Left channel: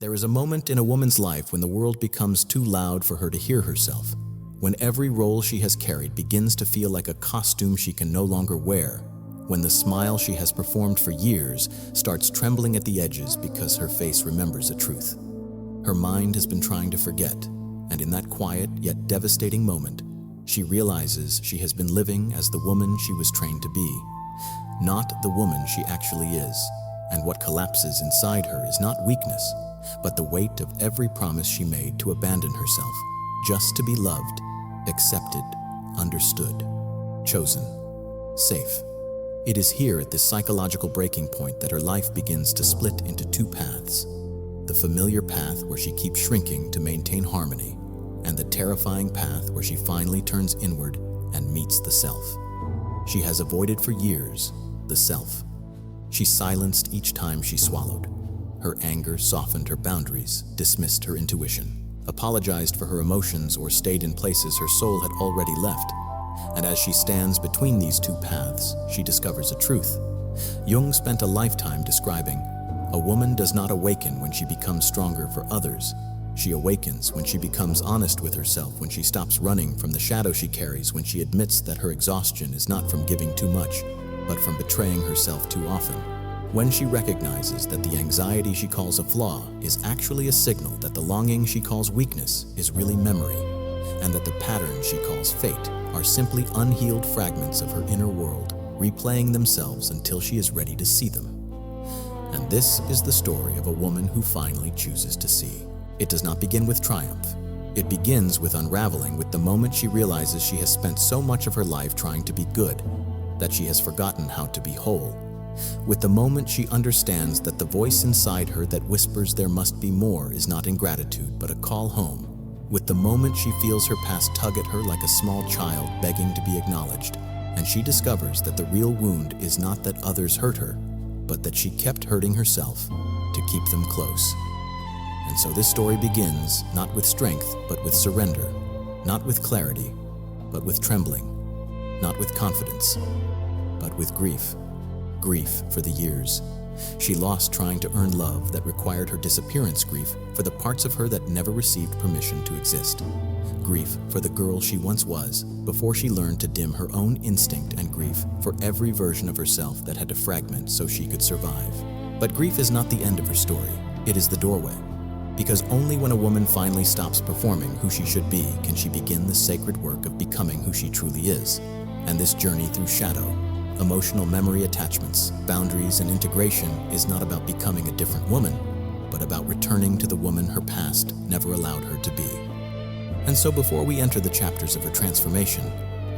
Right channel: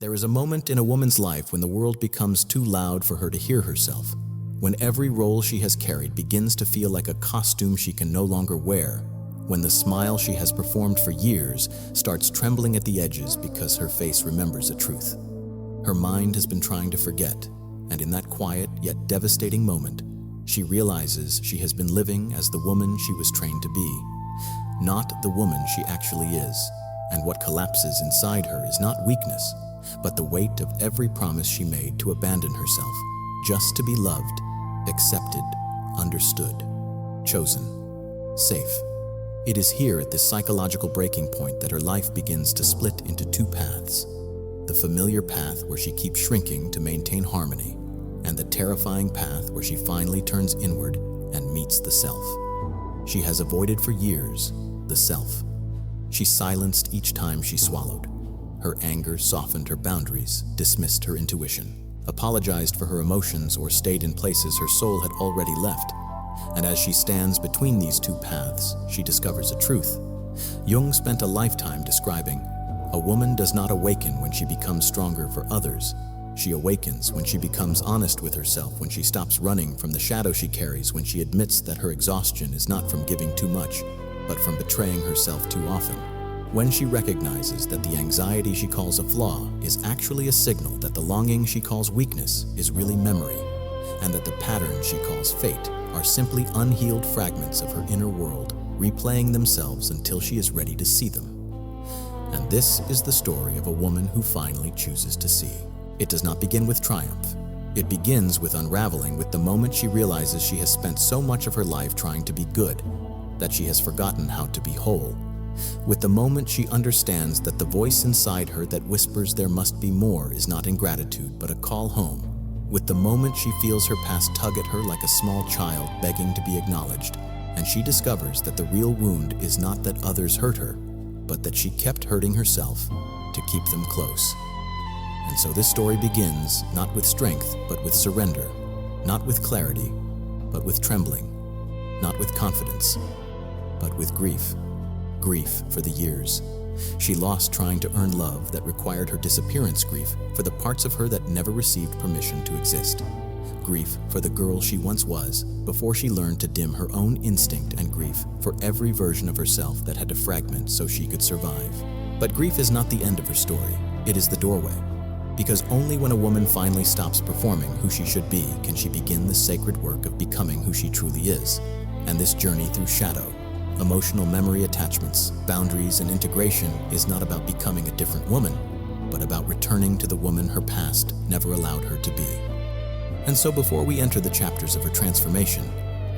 There is a moment in a woman's life when the world becomes too loud for her to hear herself, when every role she has carried begins to feel like a costume she can no longer wear, when the smile she has performed for years starts trembling at the edges because her face remembers a truth. Her mind has been trying to forget, and in that quiet yet devastating moment, she realizes she has been living as the woman she was trained to be, not the woman she actually is, and what collapses inside her is not weakness, but the weight of every promise she made to abandon herself, just to be loved, accepted, understood, chosen, safe. It is here at this psychological breaking point that her life begins to split into two paths. The familiar path where she keeps shrinking to maintain harmony, and the terrifying path where she finally turns inward and meets the self. She has avoided for years the self. She silenced each time she swallowed. Her anger softened her boundaries, dismissed her intuition, apologized for her emotions, or stayed in places her soul had already left. And as she stands between these two paths, she discovers a truth. Jung spent a lifetime describing, "A woman does not awaken when she becomes stronger for others. She awakens when she becomes honest with herself, when she stops running from the shadow she carries, when she admits that her exhaustion is not from giving too much, but from betraying herself too often. When she recognizes that the anxiety she calls a flaw is actually a signal that the longing she calls weakness is really memory, and that the patterns she calls fate are simply unhealed fragments of her inner world, replaying themselves until she is ready to see them." And this is the story of a woman who finally chooses to see. It does not begin with triumph. It begins with unraveling with the moment she realizes she has spent so much of her life trying to be good, that she has forgotten how to be whole. With the moment she understands that the voice inside her that whispers there must be more is not ingratitude but a call home. With the moment she feels her past tug at her like a small child begging to be acknowledged, and she discovers that the real wound is not that others hurt her, but that she kept hurting herself to keep them close. And so this story begins not with strength but with surrender, not with clarity but with trembling, not with confidence but with grief. Grief for the years she lost trying to earn love that required her disappearance, grief for the parts of her that never received permission to exist, grief for the girl she once was before she learned to dim her own instinct, and grief for every version of herself that had to fragment so she could survive. But grief is not the end of her story, it is the doorway. Because only when a woman finally stops performing who she should be can she begin the sacred work of becoming who she truly is. And this journey through shadow, emotional memory attachments, boundaries, and integration is not about becoming a different woman, but about returning to the woman her past never allowed her to be. And so before we enter the chapters of her transformation,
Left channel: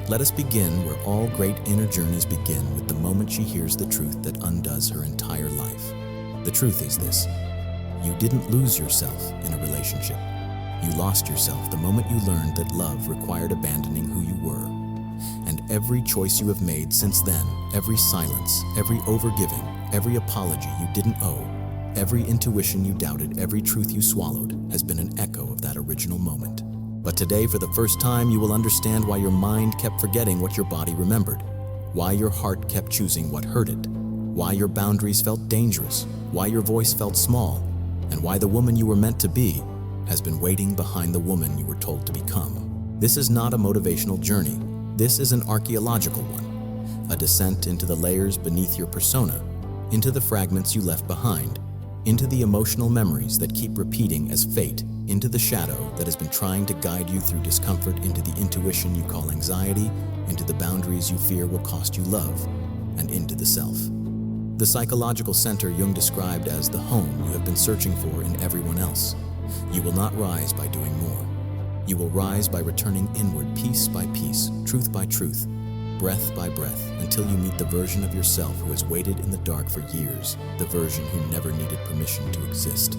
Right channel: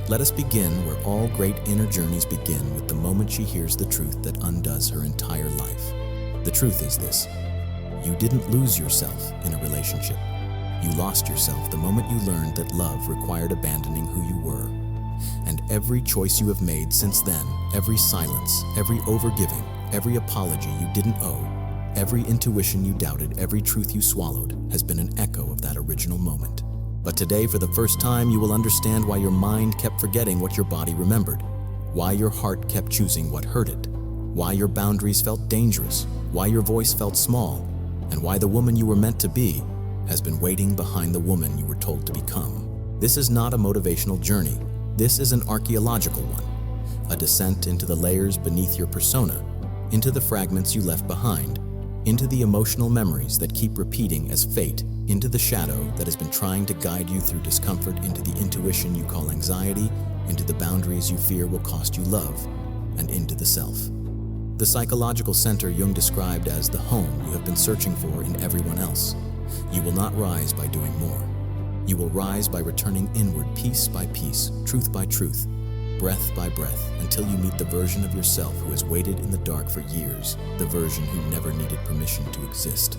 let us begin where all great inner journeys begin, with the moment she hears the truth that undoes her entire life. The truth is this: you didn't lose yourself in a relationship. You lost yourself the moment you learned that love required abandoning who you were. And every choice you have made since then, every silence, every overgiving, every apology you didn't owe, every intuition you doubted, every truth you swallowed, has been an echo of that original moment. But today, for the first time, you will understand why your mind kept forgetting what your body remembered, why your heart kept choosing what hurt it, why your boundaries felt dangerous, why your voice felt small, and why the woman you were meant to be has been waiting behind the woman you were told to become. This is not a motivational journey. This is an archaeological one, a descent into the layers beneath your persona, into the fragments you left behind, into the emotional memories that keep repeating as fate, into the shadow that has been trying to guide you through discomfort, into the intuition you call anxiety, into the boundaries you fear will cost you love, and into the self. The psychological center Jung described as the home you have been searching for in everyone else. You will not rise by doing more. You will rise by returning inward piece by piece, truth by truth, breath by breath, until you meet the version of yourself who has waited in the dark for years, the version who never needed permission to exist.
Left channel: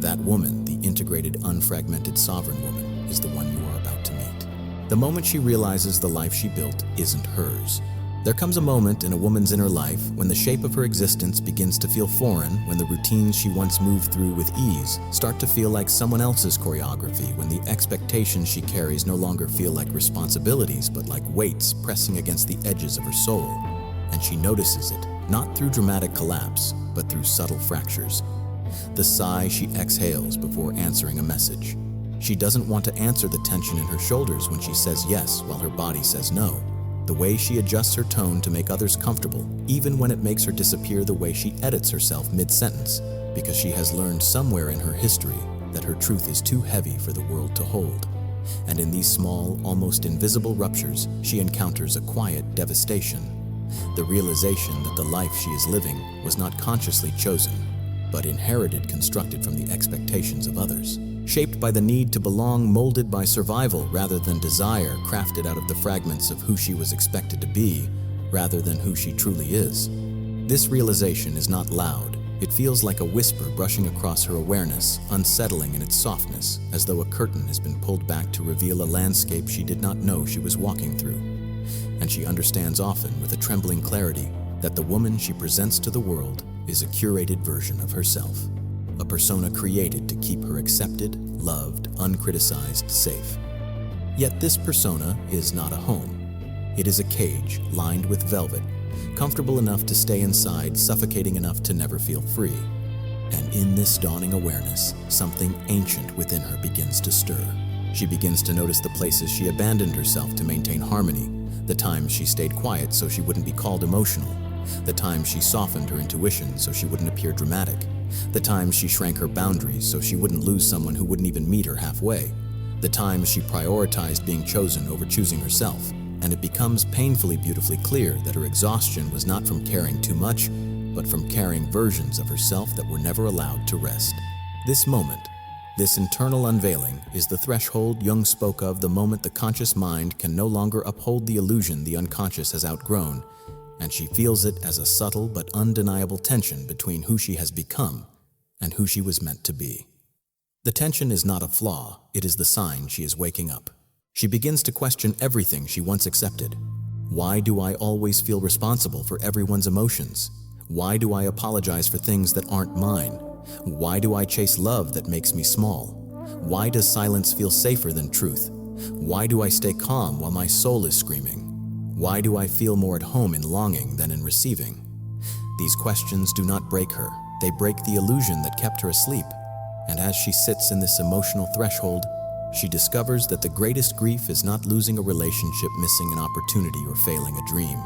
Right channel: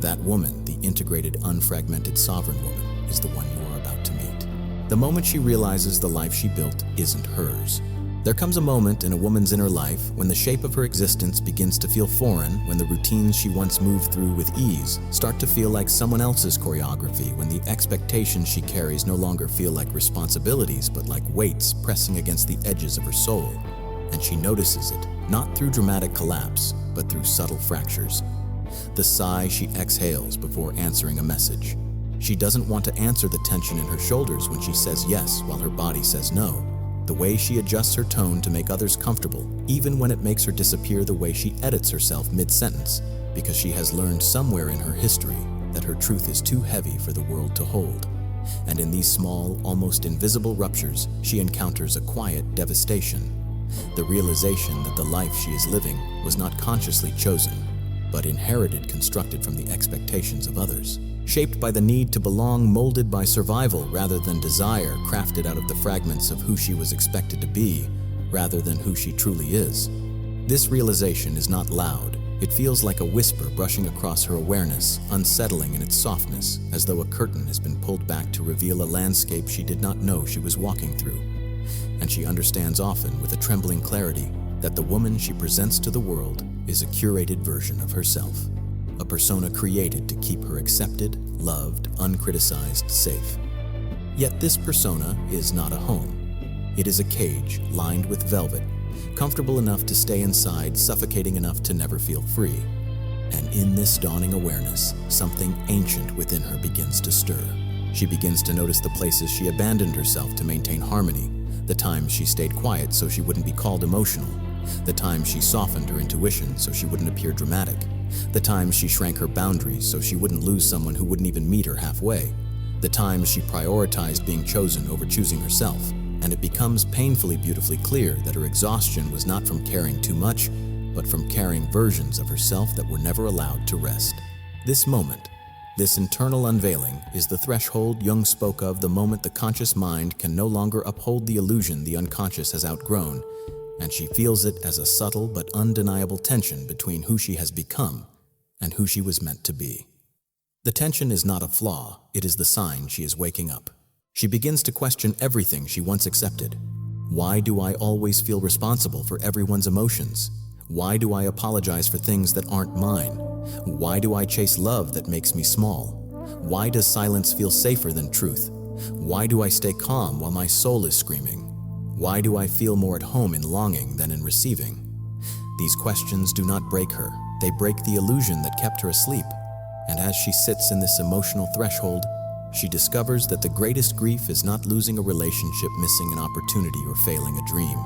That woman, the integrated, unfragmented, sovereign woman, is the one you are about to meet. The moment she realizes the life she built isn't hers. There comes a moment in a woman's inner life when the shape of her existence begins to feel foreign, when the routines she once moved through with ease start to feel like someone else's choreography, when the expectations she carries no longer feel like responsibilities but like weights pressing against the edges of her soul. And she notices it, not through dramatic collapse, but through subtle fractures. the sigh she exhales before answering a message. She doesn't want to answer the tension in her shoulders when she says yes while her body says no. The way she adjusts her tone to make others comfortable, even when it makes her disappear, the way she edits herself mid-sentence, because she has learned somewhere in her history that her truth is too heavy for the world to hold. And in these small, almost invisible ruptures, she encounters a quiet devastation. The realization that the life she is living was not consciously chosen, but inherited, constructed from the expectations of others. Shaped by the need to belong, molded by survival rather than desire, crafted out of the fragments of who she was expected to be rather than who she truly is. This realization is not loud. It feels like a whisper brushing across her awareness, unsettling in its softness, as though a curtain has been pulled back to reveal a landscape she did not know she was walking through. And she understands often, with a trembling clarity, that the woman she presents to the world is a curated version of herself. A persona created to keep her accepted, loved, uncriticized, safe. Yet this persona is not a home. It is a cage lined with velvet, comfortable enough to stay inside, suffocating enough to never feel free. And in this dawning awareness, something ancient within her begins to stir. She begins to notice the places she abandoned herself to maintain harmony, the times she stayed quiet so she wouldn't be called emotional, the times she softened her intuition so she wouldn't appear dramatic, the times she shrank her boundaries so she wouldn't lose someone who wouldn't even meet her halfway, the times she prioritized being chosen over choosing herself. And it becomes painfully, beautifully clear that her exhaustion was not from caring too much, but from carrying versions of herself that were never allowed to rest. This moment, this internal unveiling, is the threshold Jung spoke of, the moment the conscious mind can no longer uphold the illusion the unconscious has outgrown, and she feels it as a subtle but undeniable tension between who she has become and who she was meant to be. The tension is not a flaw, it is the sign she is waking up. She begins to question everything she once accepted. Why do I always feel responsible for everyone's emotions? Why do I apologize for things that aren't mine? Why do I chase love that makes me small? Why does silence feel safer than truth? Why do I stay calm while my soul is screaming? Why do I feel more at home in longing than in receiving? These questions do not break her. They break the illusion that kept her asleep. And as she sits in this emotional threshold, she discovers that the greatest grief is not losing a relationship, missing an opportunity, or failing a dream.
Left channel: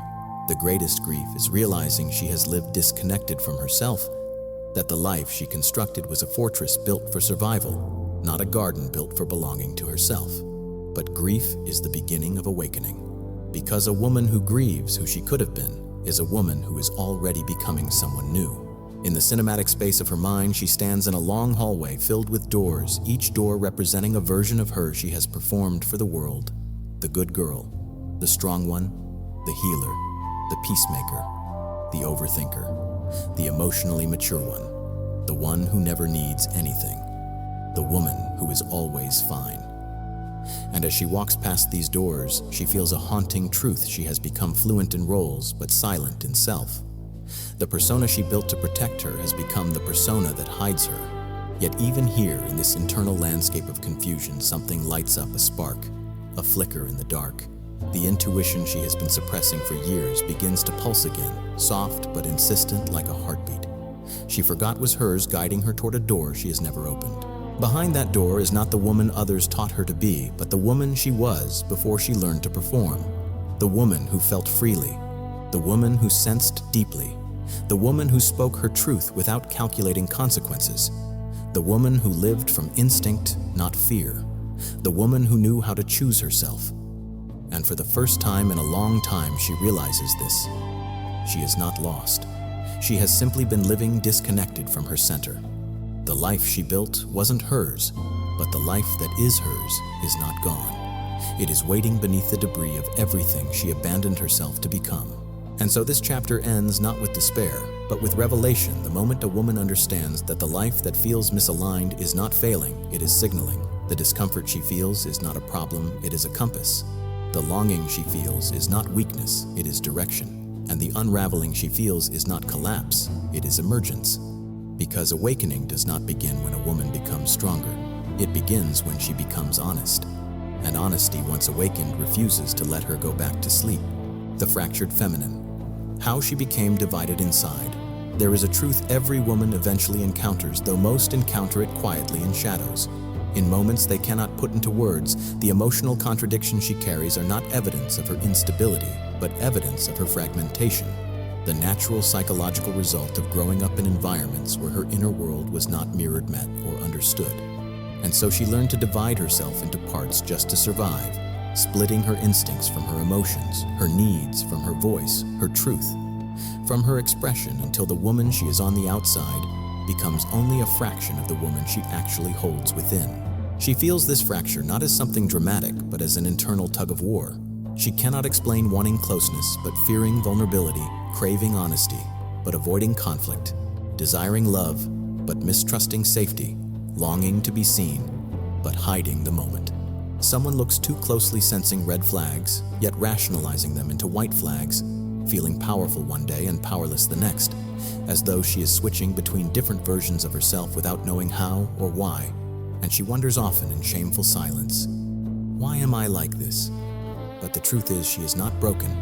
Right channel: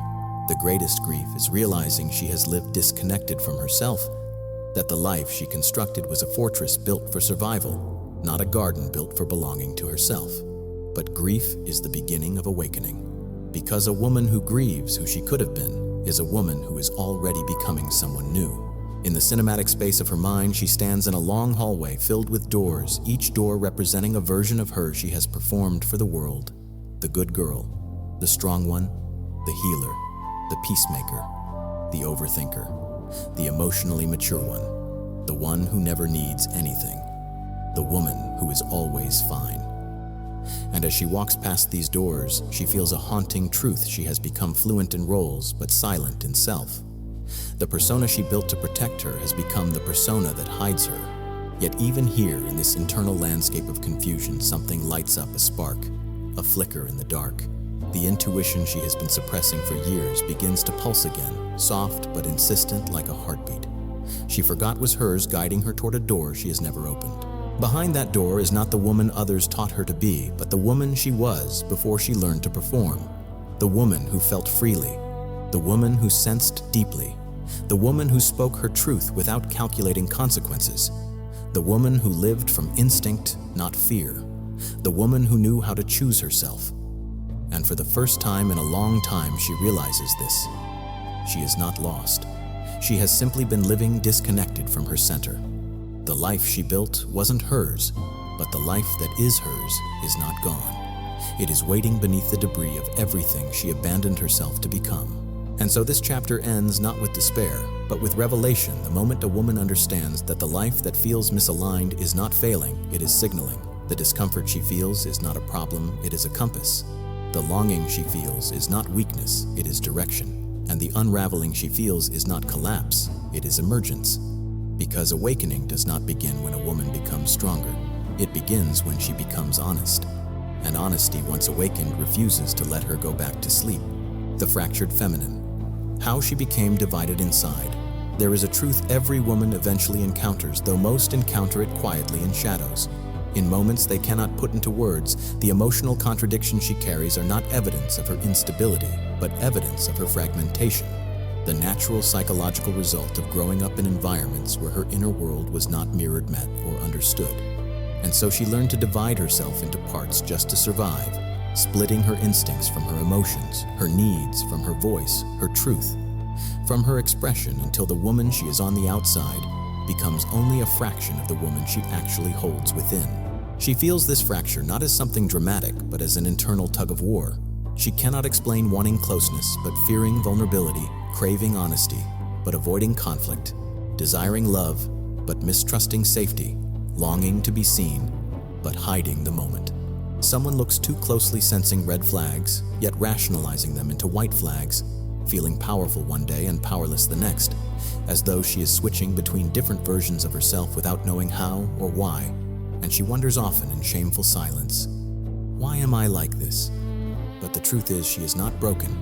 The greatest grief is realizing she has lived disconnected from herself, that the life she constructed was a fortress built for survival, not a garden built for belonging to herself. But grief is the beginning of awakening, because a woman who grieves who she could have been is a woman who is already becoming someone new. In the cinematic space of her mind, she stands in a long hallway filled with doors, each door representing a version of her she has performed for the world. The good girl, the strong one, the healer, the peacemaker, the overthinker, the emotionally mature one, the one who never needs anything, the woman who is always fine. And as she walks past these doors, she feels a haunting truth: she has become fluent in roles but silent in self. The persona she built to protect her has become the persona that hides her. Yet even here, in this internal landscape of confusion, something lights up, a spark, a flicker in the dark. The intuition she has been suppressing for years begins to pulse again, soft but insistent like a heartbeat. She forgot was hers, guiding her toward a door she has never opened. Behind that door is not the woman others taught her to be, but the woman she was before she learned to perform. The woman who felt freely, the woman who sensed deeply, the woman who spoke her truth without calculating consequences, the woman who lived from instinct, not fear, the woman who knew how to choose herself. And for the first time in a long time, she realizes this. She is not lost. She has simply been living disconnected from her center. The life she built wasn't hers, but the life that is hers is not gone. It is waiting beneath the debris of everything she abandoned herself to become. And so this chapter ends not with despair, but with revelation, the moment a woman understands that the life that feels misaligned is not failing, it is signaling. The discomfort she feels is not a problem, it is a compass. The longing she feels is not weakness, it is direction. And the unraveling she feels is not collapse, it is emergence. Because awakening does not begin when a woman becomes stronger. It begins when she becomes honest. And honesty, once awakened, refuses to let her go back to sleep. The fractured feminine. How she became divided inside. There is a truth every woman eventually encounters, though most encounter it quietly in shadows. In moments they cannot put into words, the emotional contradictions she carries are not evidence of her instability, but evidence of her fragmentation, the natural psychological result of growing up in environments where her inner world was not mirrored, met, or understood. And so she learned to divide herself into parts just to survive, splitting her instincts from her emotions, her needs from her voice, her truth from her expression, until the woman she is on the outside becomes only a fraction of the woman she actually holds within. She feels this fracture not as something dramatic, but as an internal tug-of-war. She cannot explain wanting closeness, but fearing vulnerability, craving honesty, but avoiding conflict, desiring love, but mistrusting safety, longing to be seen, but hiding the moment. Someone looks too closely, sensing red flags, yet rationalizing them into white flags, feeling powerful one day and powerless the next, as though she is switching between different versions of herself without knowing how or why, and she wonders often in shameful silence, "Why am I like this?" But the truth is, she is not broken,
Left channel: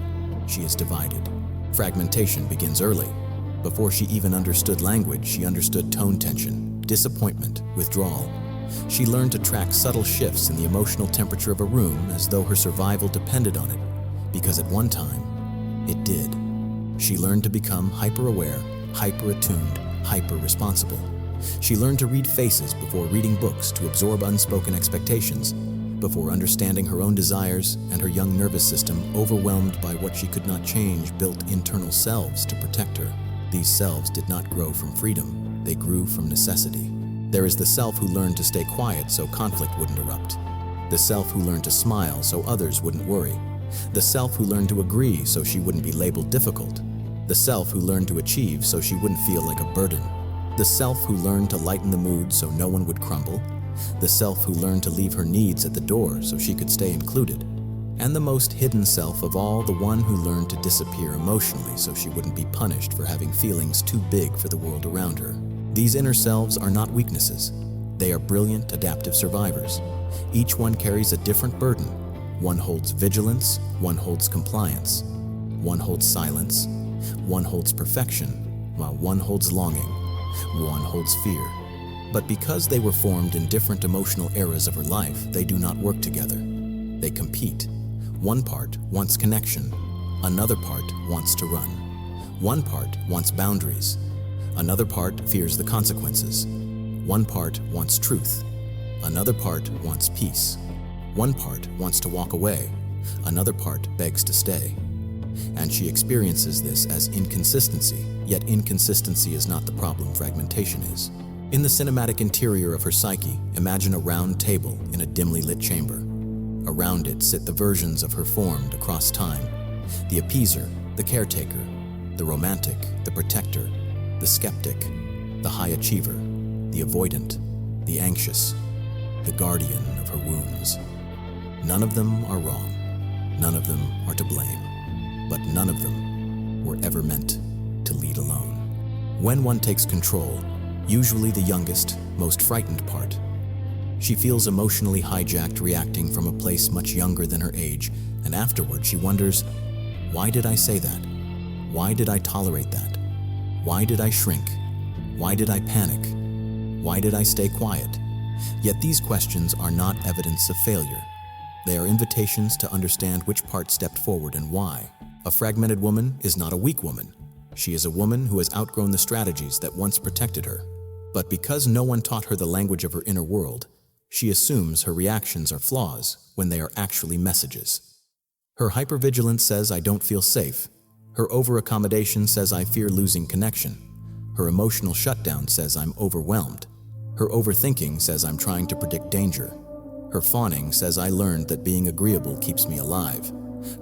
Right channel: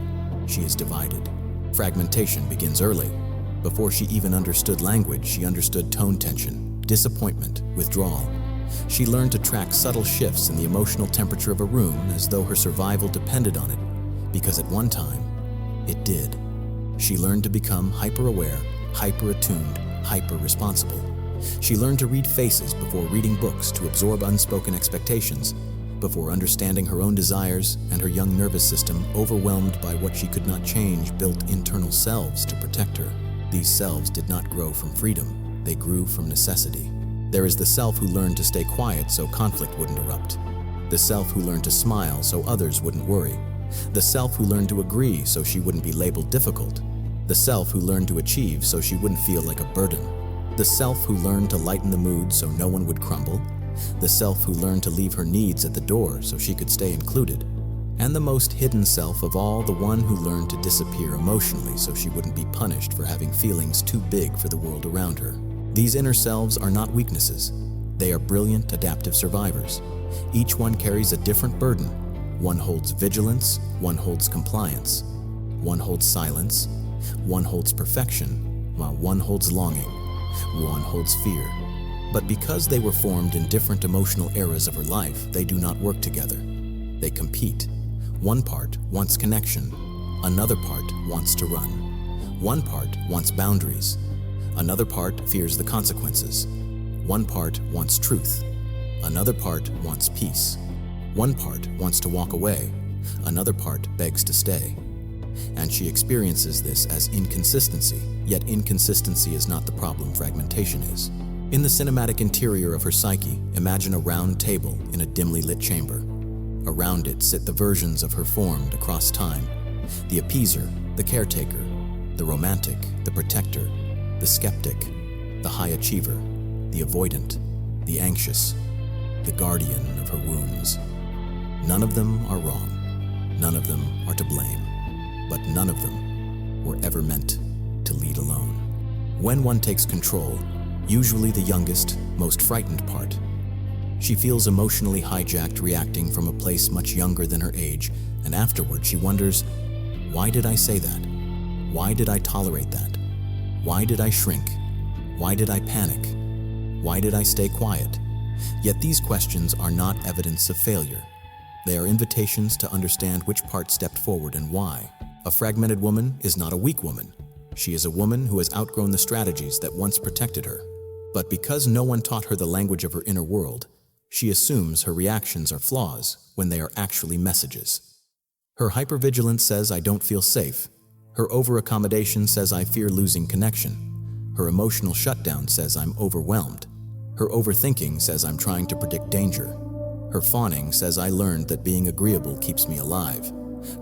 she is divided. Fragmentation begins early. Before she even understood language, she understood tone tension, disappointment, withdrawal. She learned to track subtle shifts in the emotional temperature of a room as though her survival depended on it, because at one time, it did. She learned to become hyper-aware, hyper-attuned, hyper-responsible. She learned to read faces before reading books, to absorb unspoken expectations, before understanding her own desires, and her young nervous system, overwhelmed by what she could not change, built internal selves to protect her. These selves did not grow from freedom, they grew from necessity. There is the self who learned to stay quiet so conflict wouldn't erupt. The self who learned to smile so others wouldn't worry. The self who learned to agree so she wouldn't be labeled difficult. The self who learned to achieve so she wouldn't feel like a burden. The self who learned to lighten the mood so no one would crumble. The self who learned to leave her needs at the door so she could stay included. And the most hidden self of all, the one who learned to disappear emotionally so she wouldn't be punished for having feelings too big for the world around her. These inner selves are not weaknesses. They are brilliant, adaptive survivors. Each one carries a different burden. One holds vigilance, one holds compliance. One holds silence, one holds perfection, while one holds longing, one holds fear. But because they were formed in different emotional eras of her life, they do not work together. They compete. One part wants connection, another part wants to run. One part wants boundaries, another part fears the consequences. One part wants truth, another part wants peace. One part wants to walk away, another part begs to stay. And she experiences this as inconsistency, yet inconsistency is not the problem, fragmentation is. In the cinematic interior of her psyche, imagine a round table in a dimly lit chamber. Around it sit the versions of her formed across time: the appeaser, the caretaker, the romantic, the protector, the skeptic, the high achiever, the avoidant, the anxious, the guardian of her wounds. None of them are wrong. None of them are to blame. But none of them were ever meant to lead alone. When one takes control, usually the youngest, most frightened part, she feels emotionally hijacked, reacting from a place much younger than her age, and afterward she wonders, why did I say that? Why did I tolerate that? Why did I shrink? Why did I panic? Why did I stay quiet? Yet these questions are not evidence of failure. They are invitations to understand which part stepped forward and why. A fragmented woman is not a weak woman. She is a woman who has outgrown the strategies that once protected her. But because no one taught her the language of her inner world, she assumes her reactions are flaws when they are actually messages. Her hypervigilance says, "I don't feel safe." Her overaccommodation says, "I fear losing connection." Her emotional shutdown says, "I'm overwhelmed." Her overthinking says, "I'm trying to predict danger." Her fawning says, "I learned that being agreeable keeps me alive."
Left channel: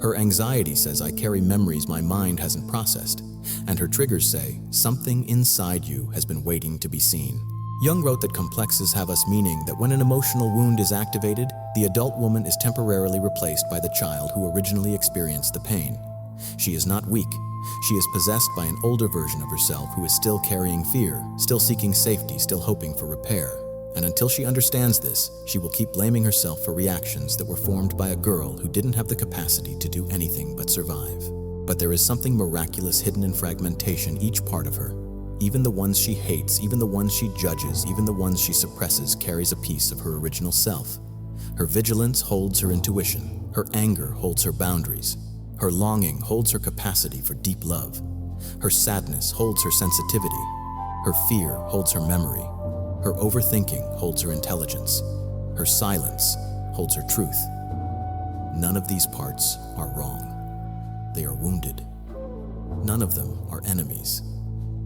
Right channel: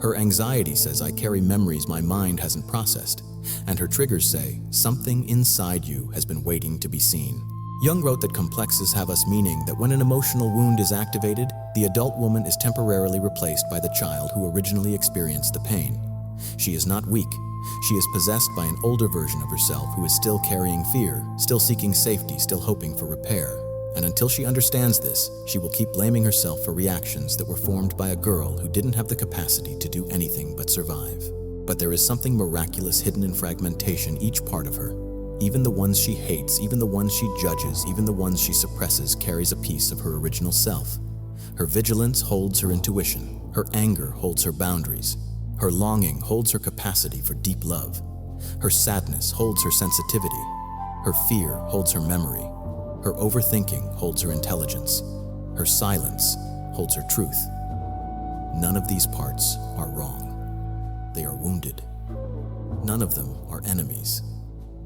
Her anxiety says, "I carry memories my mind hasn't processed." And her triggers say, "Something inside you has been waiting to be seen." Jung wrote that complexes have us, meaning that when an emotional wound is activated, the adult woman is temporarily replaced by the child who originally experienced the pain. She is not weak. She is possessed by an older version of herself who is still carrying fear, still seeking safety, still hoping for repair. And until she understands this, she will keep blaming herself for reactions that were formed by a girl who didn't have the capacity to do anything but survive. But there is something miraculous hidden in fragmentation, each part of her. Even the ones she hates, even the ones she judges, even the ones she suppresses carries a piece of her original self. Her vigilance holds her intuition. Her anger holds her boundaries. Her longing holds her capacity for deep love. Her sadness holds her sensitivity. Her fear holds her memory. Her overthinking holds her intelligence. Her silence holds her truth. None of these parts are wrong. They are wounded. None of them are enemies.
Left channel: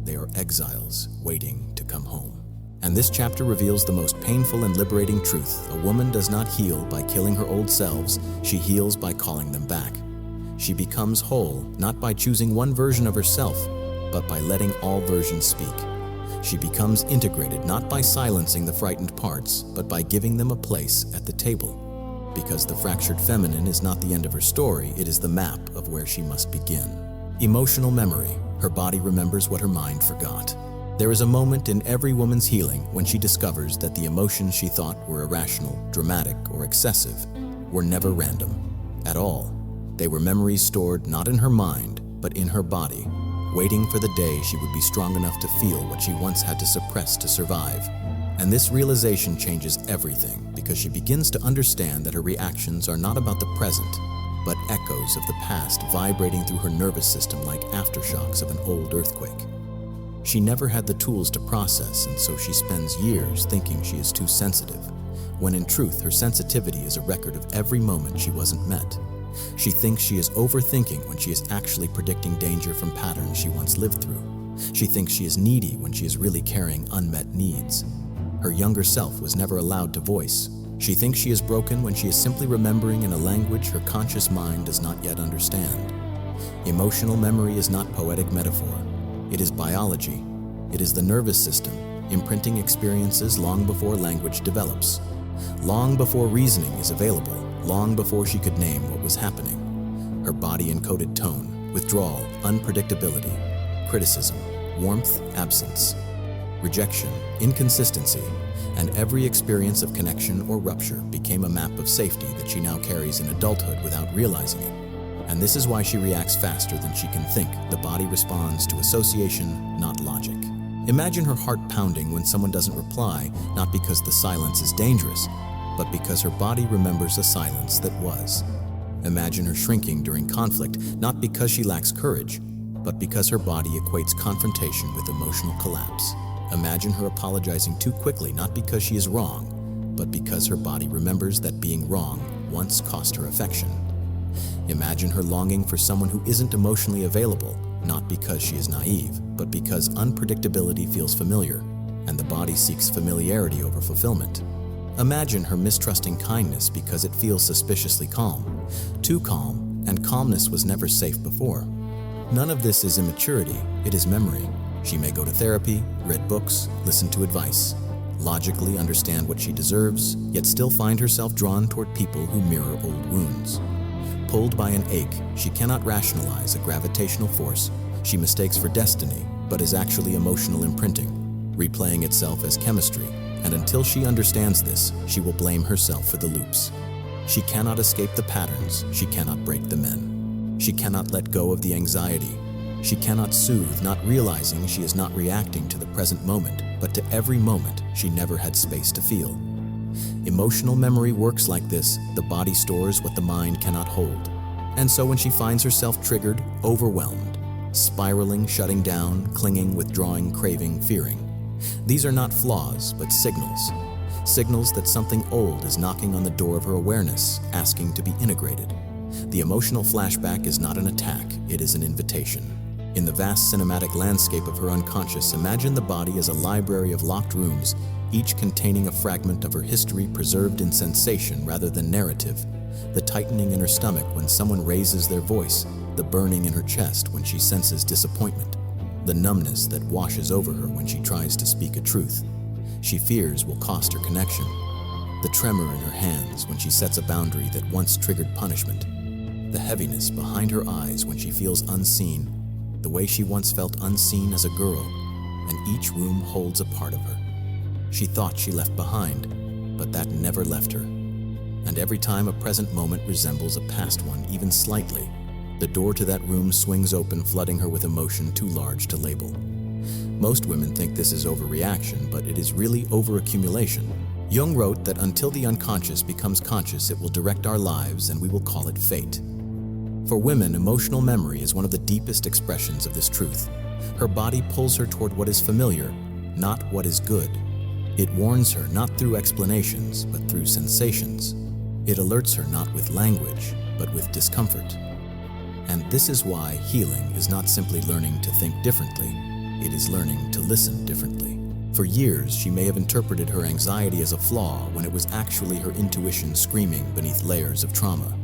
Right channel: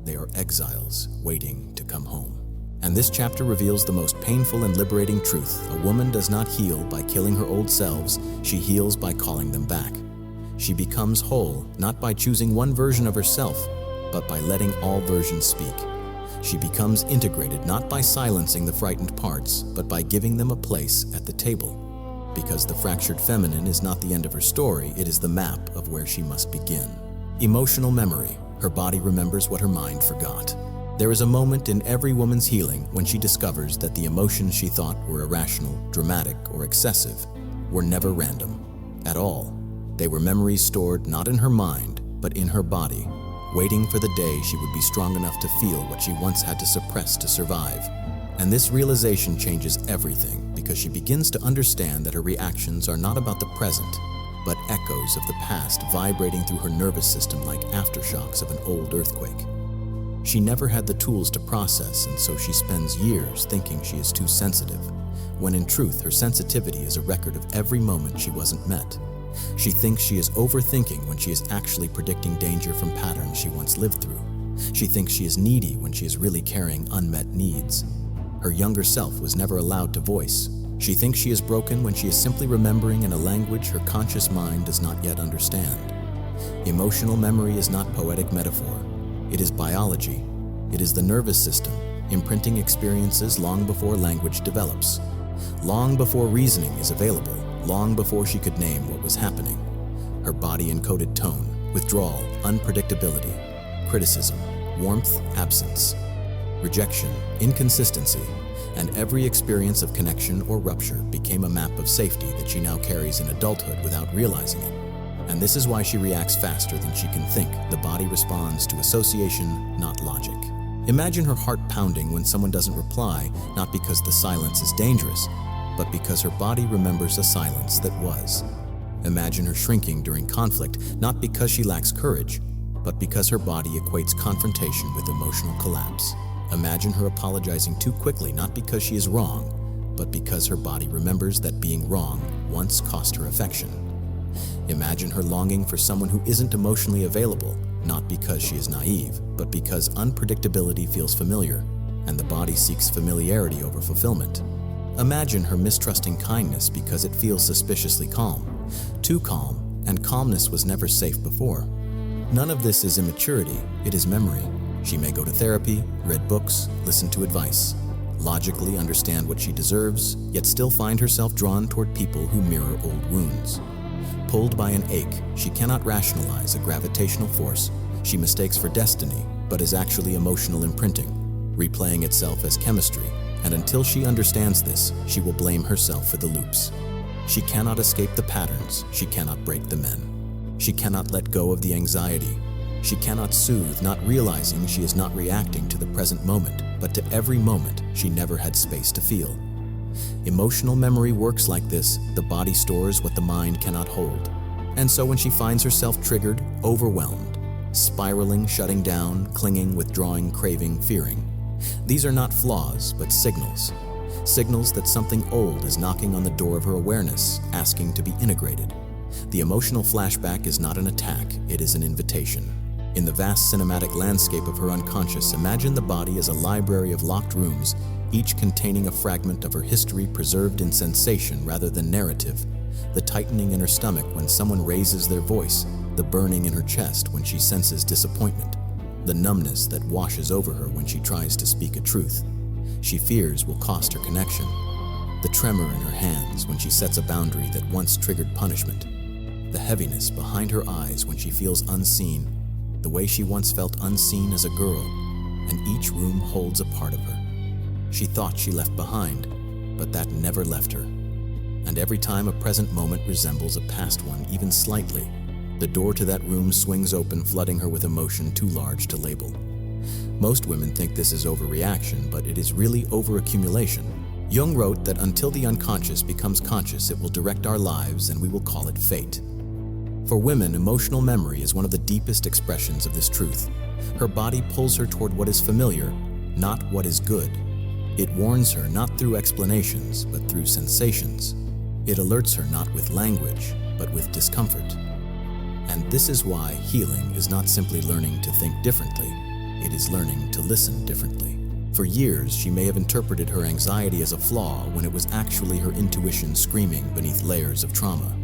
They are exiles waiting to come home. And this chapter reveals the most painful and liberating truth. A woman does not heal by killing her old selves. She heals by calling them back. She becomes whole, not by choosing one version of herself, but by letting all versions speak. She becomes integrated, not by silencing the frightened parts, but by giving them a place at the table. Because the fractured feminine is not the end of her story, it is the map of where she must begin. Emotional memory. Her body remembers what her mind forgot. There is a moment in every woman's healing when she discovers that the emotions she thought were irrational, dramatic, or excessive were never random at all. They were memories stored not in her mind, but in her body, waiting for the day she would be strong enough to feel what she once had to suppress to survive. And this realization changes everything because she begins to understand that her reactions are not about the present, but echoes of the past vibrating through her nervous system like aftershocks of an old earthquake. She never had the tools to process, and so she spends years thinking she is too sensitive, when in truth her sensitivity is a record of every moment she wasn't met. She thinks she is overthinking when she is actually predicting danger from patterns she once lived through. She thinks she is needy when she is really carrying unmet needs. Her younger self was never allowed to voice. She thinks she is broken when she is simply remembering in a language her conscious mind does not yet understand. Emotional memory is not poetic metaphor. It is biology. It is the nervous system, imprinting experiences long before language develops. Long before reasoning is available, long before she could name what was happening. Her body encoded tone, withdrawal, unpredictability, criticism, warmth, absence, rejection, inconsistency, and every experience of connection or rupture became a map of safety that she now carries in adulthood without realizing it. And this is why she reacts faster than she can think. The body responds to association, not logic. Imagine her heart pounding when someone doesn't reply, not because the silence is dangerous, but because her body remembers a silence that was. Imagine her shrinking during conflict, not because she lacks courage, but because her body equates confrontation with emotional collapse. Imagine her apologizing too quickly, not because she is wrong, but because her body remembers that being wrong once cost her affection. Imagine her longing for someone who isn't emotionally available, not because she is naive, but because unpredictability feels familiar, and the body seeks familiarity over fulfillment. Imagine her mistrusting kindness because it feels suspiciously calm. Too calm, and calmness was never safe before. None of this is immaturity, it is memory. She may go to therapy, read books, listen to advice, logically understand what she deserves, yet still find herself drawn toward people who mirror old wounds. Pulled by an ache, she cannot rationalize a gravitational force she mistakes for destiny, but is actually emotional imprinting, replaying itself as chemistry, and until she understands this, she will blame herself for the loops. She cannot escape the patterns, she cannot break the men. She cannot let go of the anxiety. She cannot soothe, not realizing she is not reacting to the present moment, but to every moment she never had space to feel. Emotional memory works like this. The body stores what the mind cannot hold. And so when she finds herself triggered, overwhelmed, spiraling, shutting down, clinging, withdrawing, craving, fearing, these are not flaws, but signals. Signals that something old is knocking on the door of her awareness, asking to be integrated. The emotional flashback is not an attack, it is an invitation. In the vast cinematic landscape of her unconscious, imagine the body as a library of locked rooms, each containing a fragment of her history preserved in sensation rather than narrative. The tightening in her stomach when someone raises their voice, the burning in her chest when she senses disappointment, the numbness that washes over her when she tries to speak a truth she fears will cost her connection, the tremor in her hands when she sets a boundary that once triggered punishment, the heaviness behind her eyes when she feels unseen, the way she once felt unseen as a girl, and each room holds a part of her she thought she left behind, but that never left her. And every time a present moment resembles a past one even slightly, the door to that room swings open, flooding her with emotion too large to label. Most women think this is overreaction, but it is really overaccumulation. Jung wrote that until the unconscious becomes conscious, it will direct our lives and we will call it fate. For women, emotional memory is one of the deepest expressions of this truth. Her body pulls her toward what is familiar, not what is good. It warns her not through explanations, but through sensations. It alerts her not with language, but with discomfort. And this is why healing is not simply learning to think differently, it is learning to listen differently. For years, she may have interpreted her anxiety as a flaw when it was actually her intuition screaming beneath layers of trauma.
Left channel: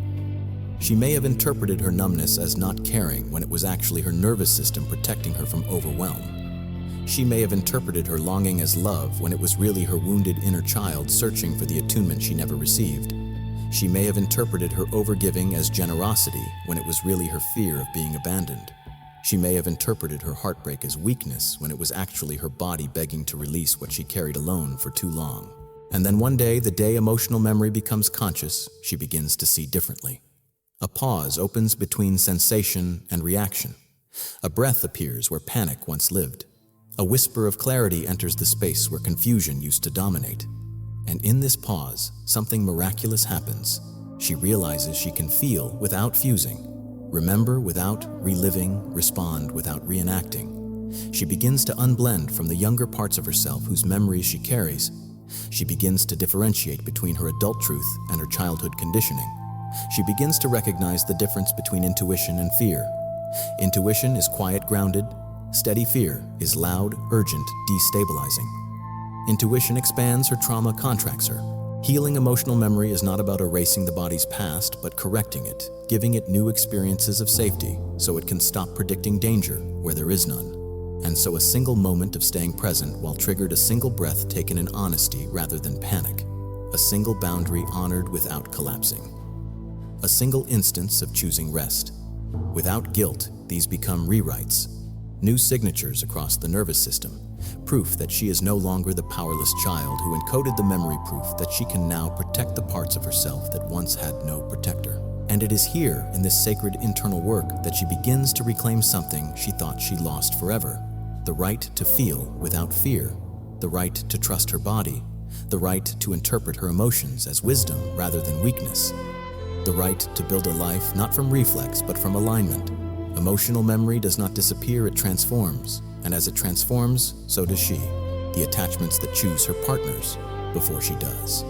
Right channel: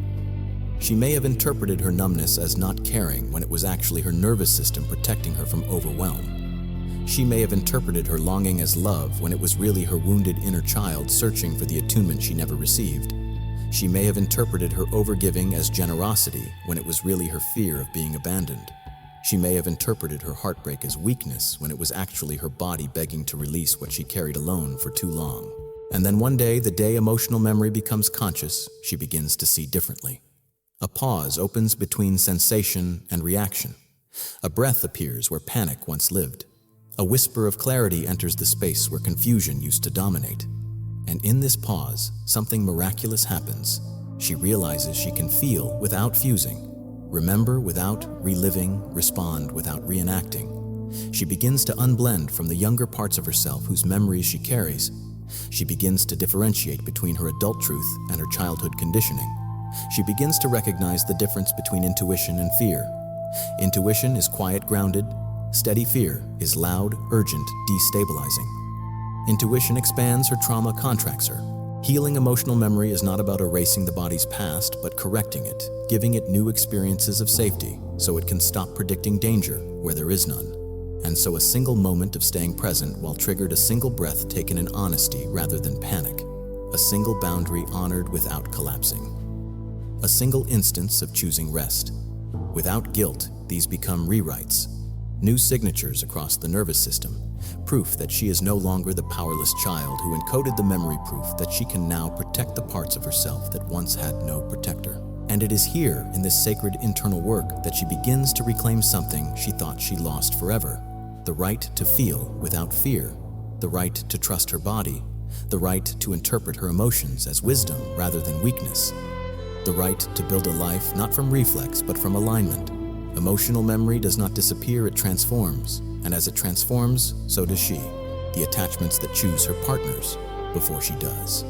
She may have interpreted her numbness as not caring when it was actually her nervous system protecting her from overwhelm. She may have interpreted her longing as love when it was really her wounded inner child searching for the attunement she never received. She may have interpreted her overgiving as generosity when it was really her fear of being abandoned. She may have interpreted her heartbreak as weakness when it was actually her body begging to release what she carried alone for too long. And then one day, the day emotional memory becomes conscious, she begins to see differently. A pause opens between sensation and reaction. A breath appears where panic once lived. A whisper of clarity enters the space where confusion used to dominate. And in this pause, something miraculous happens. She realizes she can feel without fusing, remember without reliving, respond without reenacting. She begins to unblend from the younger parts of herself whose memories she carries. She begins to differentiate between her adult truth and her childhood conditioning. She begins to recognize the difference between intuition and fear. Intuition is quiet, grounded. Steady fear is loud, urgent, destabilizing. Intuition expands her trauma, contracts her. Healing emotional memory is not about erasing the body's past, but correcting it, giving it new experiences of safety so it can stop predicting danger where there is none. And so a single moment of staying present while triggered a single breath taken in honesty rather than panic. A single boundary honored without collapsing. A single instance of choosing rest. Without guilt, these become rewrites. New signatures across the nervous system. Proof that she is no longer the powerless child who encoded the memory, proof that she can now protect the parts of herself that once had no protector. And it is here, in this sacred internal work, that she begins to reclaim something she thought she lost forever. The right to feel without fear. The right to trust her body. The right to interpret her emotions as wisdom rather than weakness. The right to build a life not from reflex but from alignment. Emotional memory does not disappear, it transforms. And as it transforms, so does she, the attachments that choose her partners before she does.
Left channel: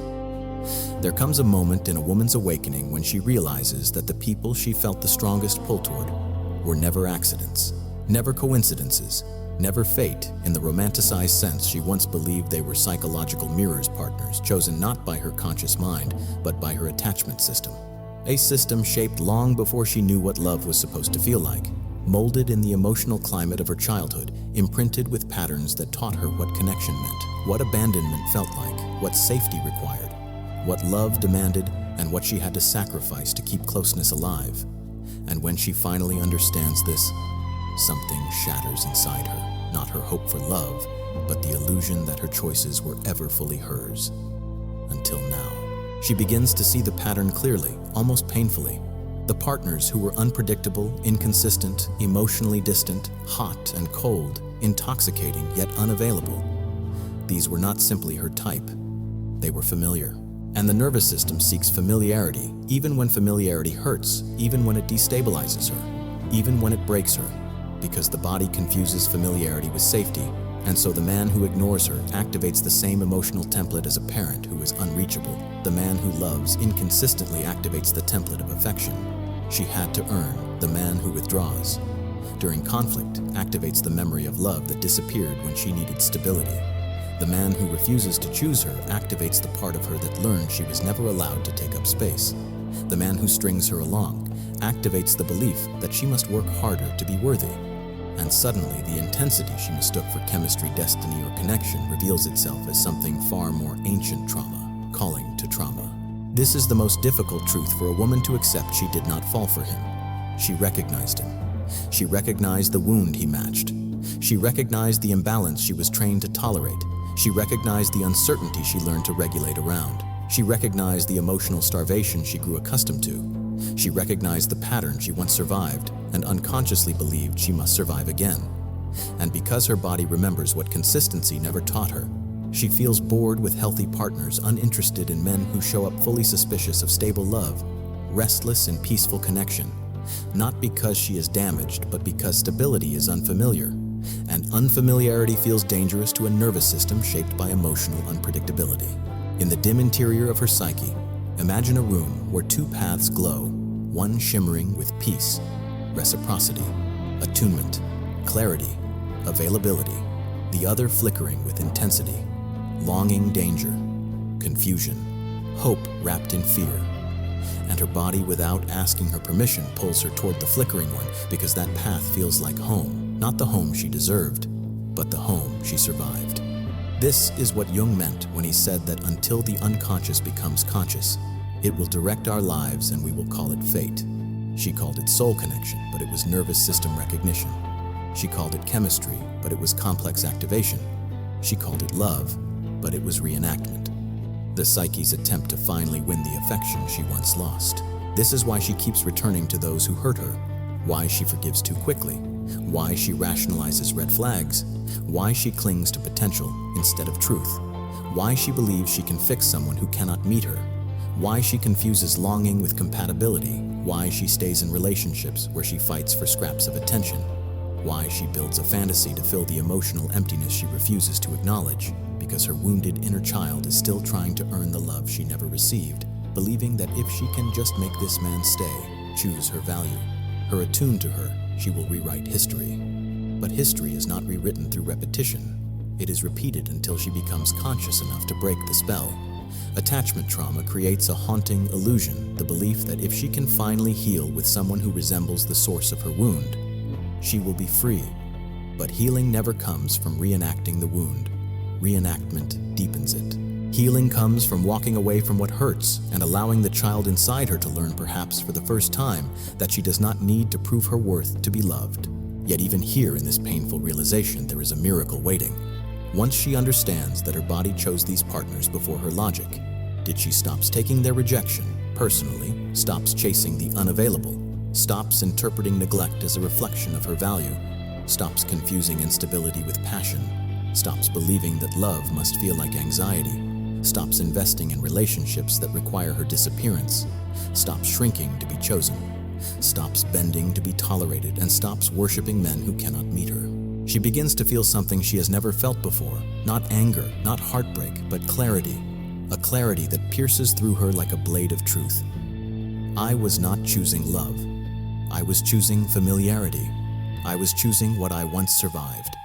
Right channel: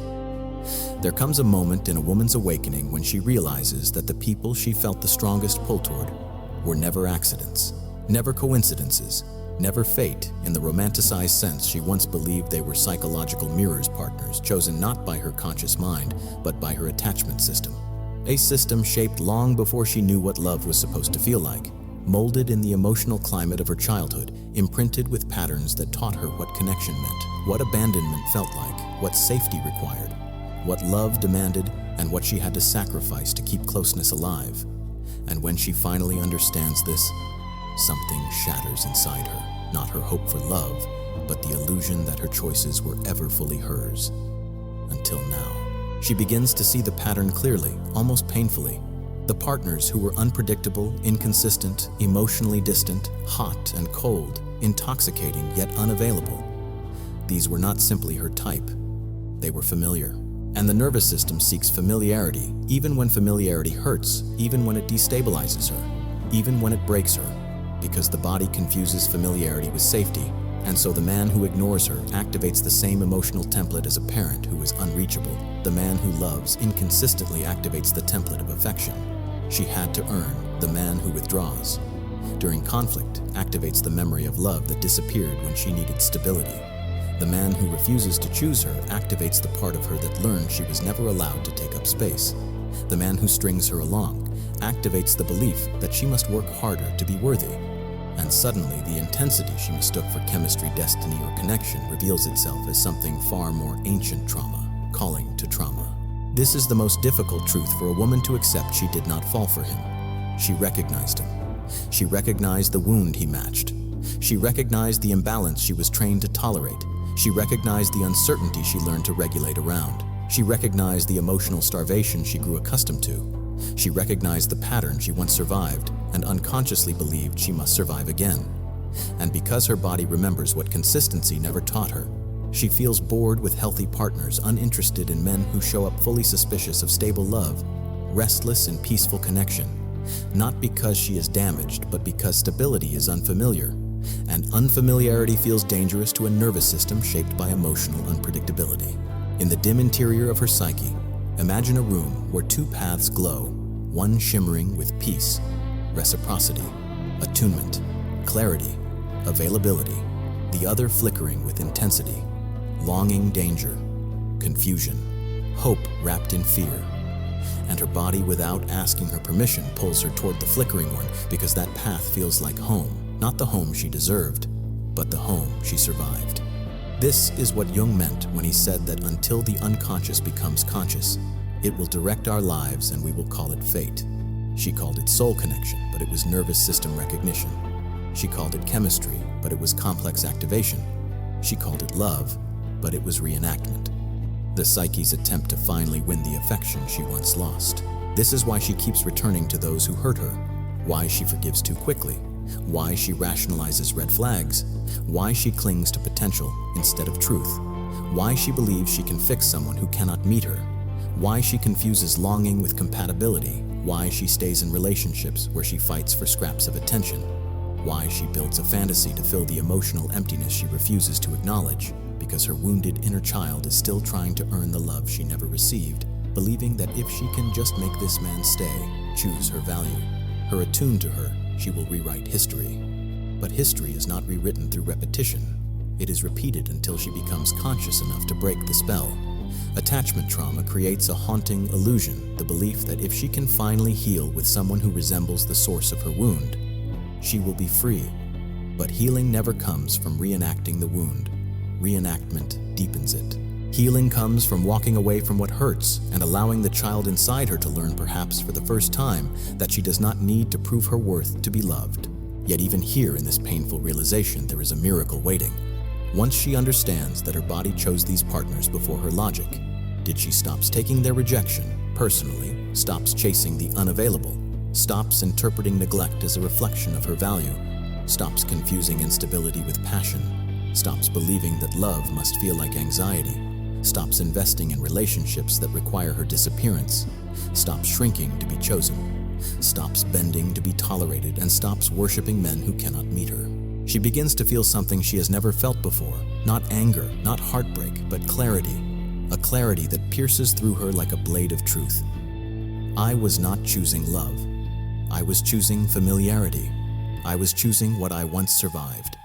There comes a moment in a woman's awakening when she realizes that the people she felt the strongest pull toward were never accidents, never coincidences, never fate in the romanticized sense she once believed they were psychological mirrors, partners chosen not by her conscious mind, but by her attachment system. A system shaped long before she knew what love was supposed to feel like, molded in the emotional climate of her childhood, imprinted with patterns that taught her what connection meant, what abandonment felt like, what safety required, what love demanded, and what she had to sacrifice to keep closeness alive. And when she finally understands this, something shatters inside her, not her hope for love, but the illusion that her choices were ever fully hers. Until now. She begins to see the pattern clearly, almost painfully. The partners who were unpredictable, inconsistent, emotionally distant, hot and cold, intoxicating yet unavailable. These were not simply her type. They were familiar. And the nervous system seeks familiarity, even when familiarity hurts, even when it destabilizes her, even when it breaks her, because the body confuses familiarity with safety. And so the man who ignores her activates the same emotional template as a parent who is unreachable. The man who loves inconsistently activates the template of affection she had to earn. The man who withdraws during conflict activates the memory of love that disappeared when she needed stability. The man who refuses to choose her activates the part of her that learned she was never allowed to take up space. The man who strings her along activates the belief that she must work harder to be worthy. And suddenly, the intensity she mistook for chemistry, destiny, or connection reveals itself as something far more ancient: trauma, calling to trauma. This is the most difficult truth for a woman to accept. She did not fall for him. She recognized him. She recognized the wound he matched. She recognized the imbalance she was trained to tolerate. She recognized the uncertainty she learned to regulate around. She recognized the emotional starvation she grew accustomed to. She recognized the pattern she once survived and unconsciously believed she must survive again. And because her body remembers what consistency never taught her, she feels bored with healthy partners, uninterested in men who show up fully suspicious of stable love, restless in peaceful connection, not because she is damaged, but because stability is unfamiliar, and unfamiliarity feels dangerous to a nervous system shaped by emotional unpredictability. In the dim interior of her psyche, imagine a room where two paths glow, one shimmering with peace, reciprocity, attunement, clarity, availability, the other flickering with intensity, longing, danger, confusion, hope wrapped in fear. And her body, without asking her permission, pulls her toward the flickering one because that path feels like home, not the home she deserved, but the home she survived. This is what Jung meant when he said that until the unconscious becomes conscious, it will direct our lives and we will call it fate. She called it soul connection, but it was nervous system recognition. She called it chemistry, but it was complex activation. She called it love, but it was reenactment. The psyche's attempt to finally win the affection she once lost. This is why she keeps returning to those who hurt her, why she forgives too quickly, why she rationalizes red flags, why she clings to potential instead of truth, why she believes she can fix someone who cannot meet her, why she confuses longing with compatibility, why she stays in relationships where she fights for scraps of attention, why she builds a fantasy to fill the emotional emptiness she refuses to acknowledge, because her wounded inner child is still trying to earn the love she never received, believing that if she can just make this man stay, choose her value, her attuned to her, she will rewrite history. But history is not rewritten through repetition. It is repeated until she becomes conscious enough to break the spell. Attachment trauma creates a haunting illusion, the belief that if she can finally heal with someone who resembles the source of her wound, she will be free. But healing never comes from reenacting the wound. Reenactment deepens it. Healing comes from walking away from what hurts and allowing the child inside her to learn, perhaps for the first time, that she does not need to prove her worth to be loved. Yet even here in this painful realization, there is a miracle waiting. Once she understands that her body chose these partners before her logic, she stops taking their rejection personally, stops chasing the unavailable, stops interpreting neglect as a reflection of her value, stops confusing instability with passion, stops believing that love must feel like anxiety, stops investing in relationships that require her disappearance, stops shrinking to be chosen, stops bending to be tolerated, and stops worshiping men who cannot meet her. She begins to feel something she has never felt before, not anger, not heartbreak, but clarity, a clarity that pierces through her like a blade of truth. I was not choosing love. I was choosing familiarity. I was choosing what I once survived.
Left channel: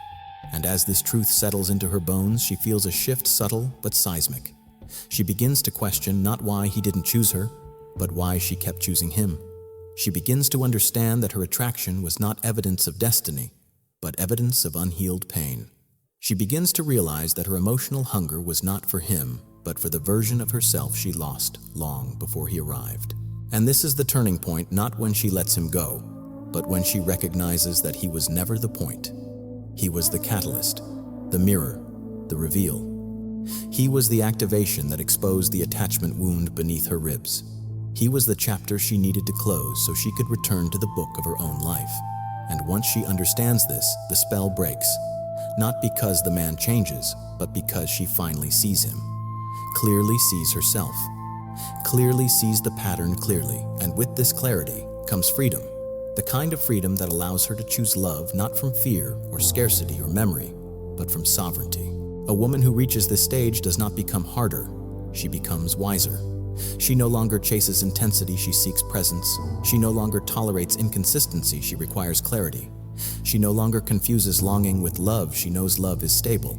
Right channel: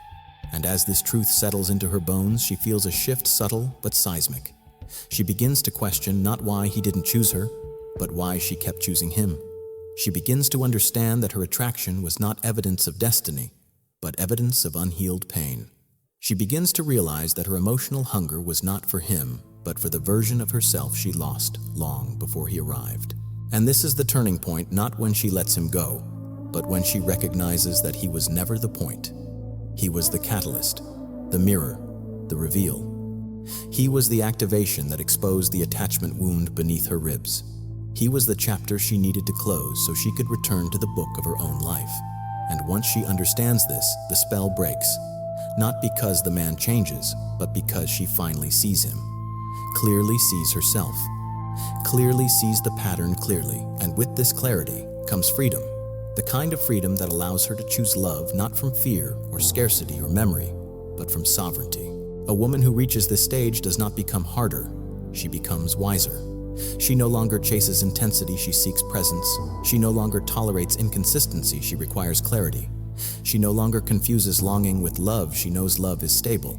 And as this truth settles into her bones, she feels a shift, subtle but seismic. She begins to question not why he didn't choose her, but why she kept choosing him. She begins to understand that her attraction was not evidence of destiny, but evidence of unhealed pain. She begins to realize that her emotional hunger was not for him, but for the version of herself she lost long before he arrived. And this is the turning point, not when she lets him go, but when she recognizes that he was never the point. He was the catalyst, the mirror, the reveal. He was the activation that exposed the attachment wound beneath her ribs. He was the chapter she needed to close so she could return to the book of her own life. And once she understands this, the spell breaks, not because the man changes, but because she finally sees him, clearly sees herself, clearly sees the pattern clearly, and with this clarity comes freedom, the kind of freedom that allows her to choose love not from fear or scarcity or memory, but from sovereignty. A woman who reaches this stage does not become harder, she becomes wiser. She no longer chases intensity, she seeks presence. She no longer tolerates inconsistency, she requires clarity. She no longer confuses longing with love, she knows love is stable.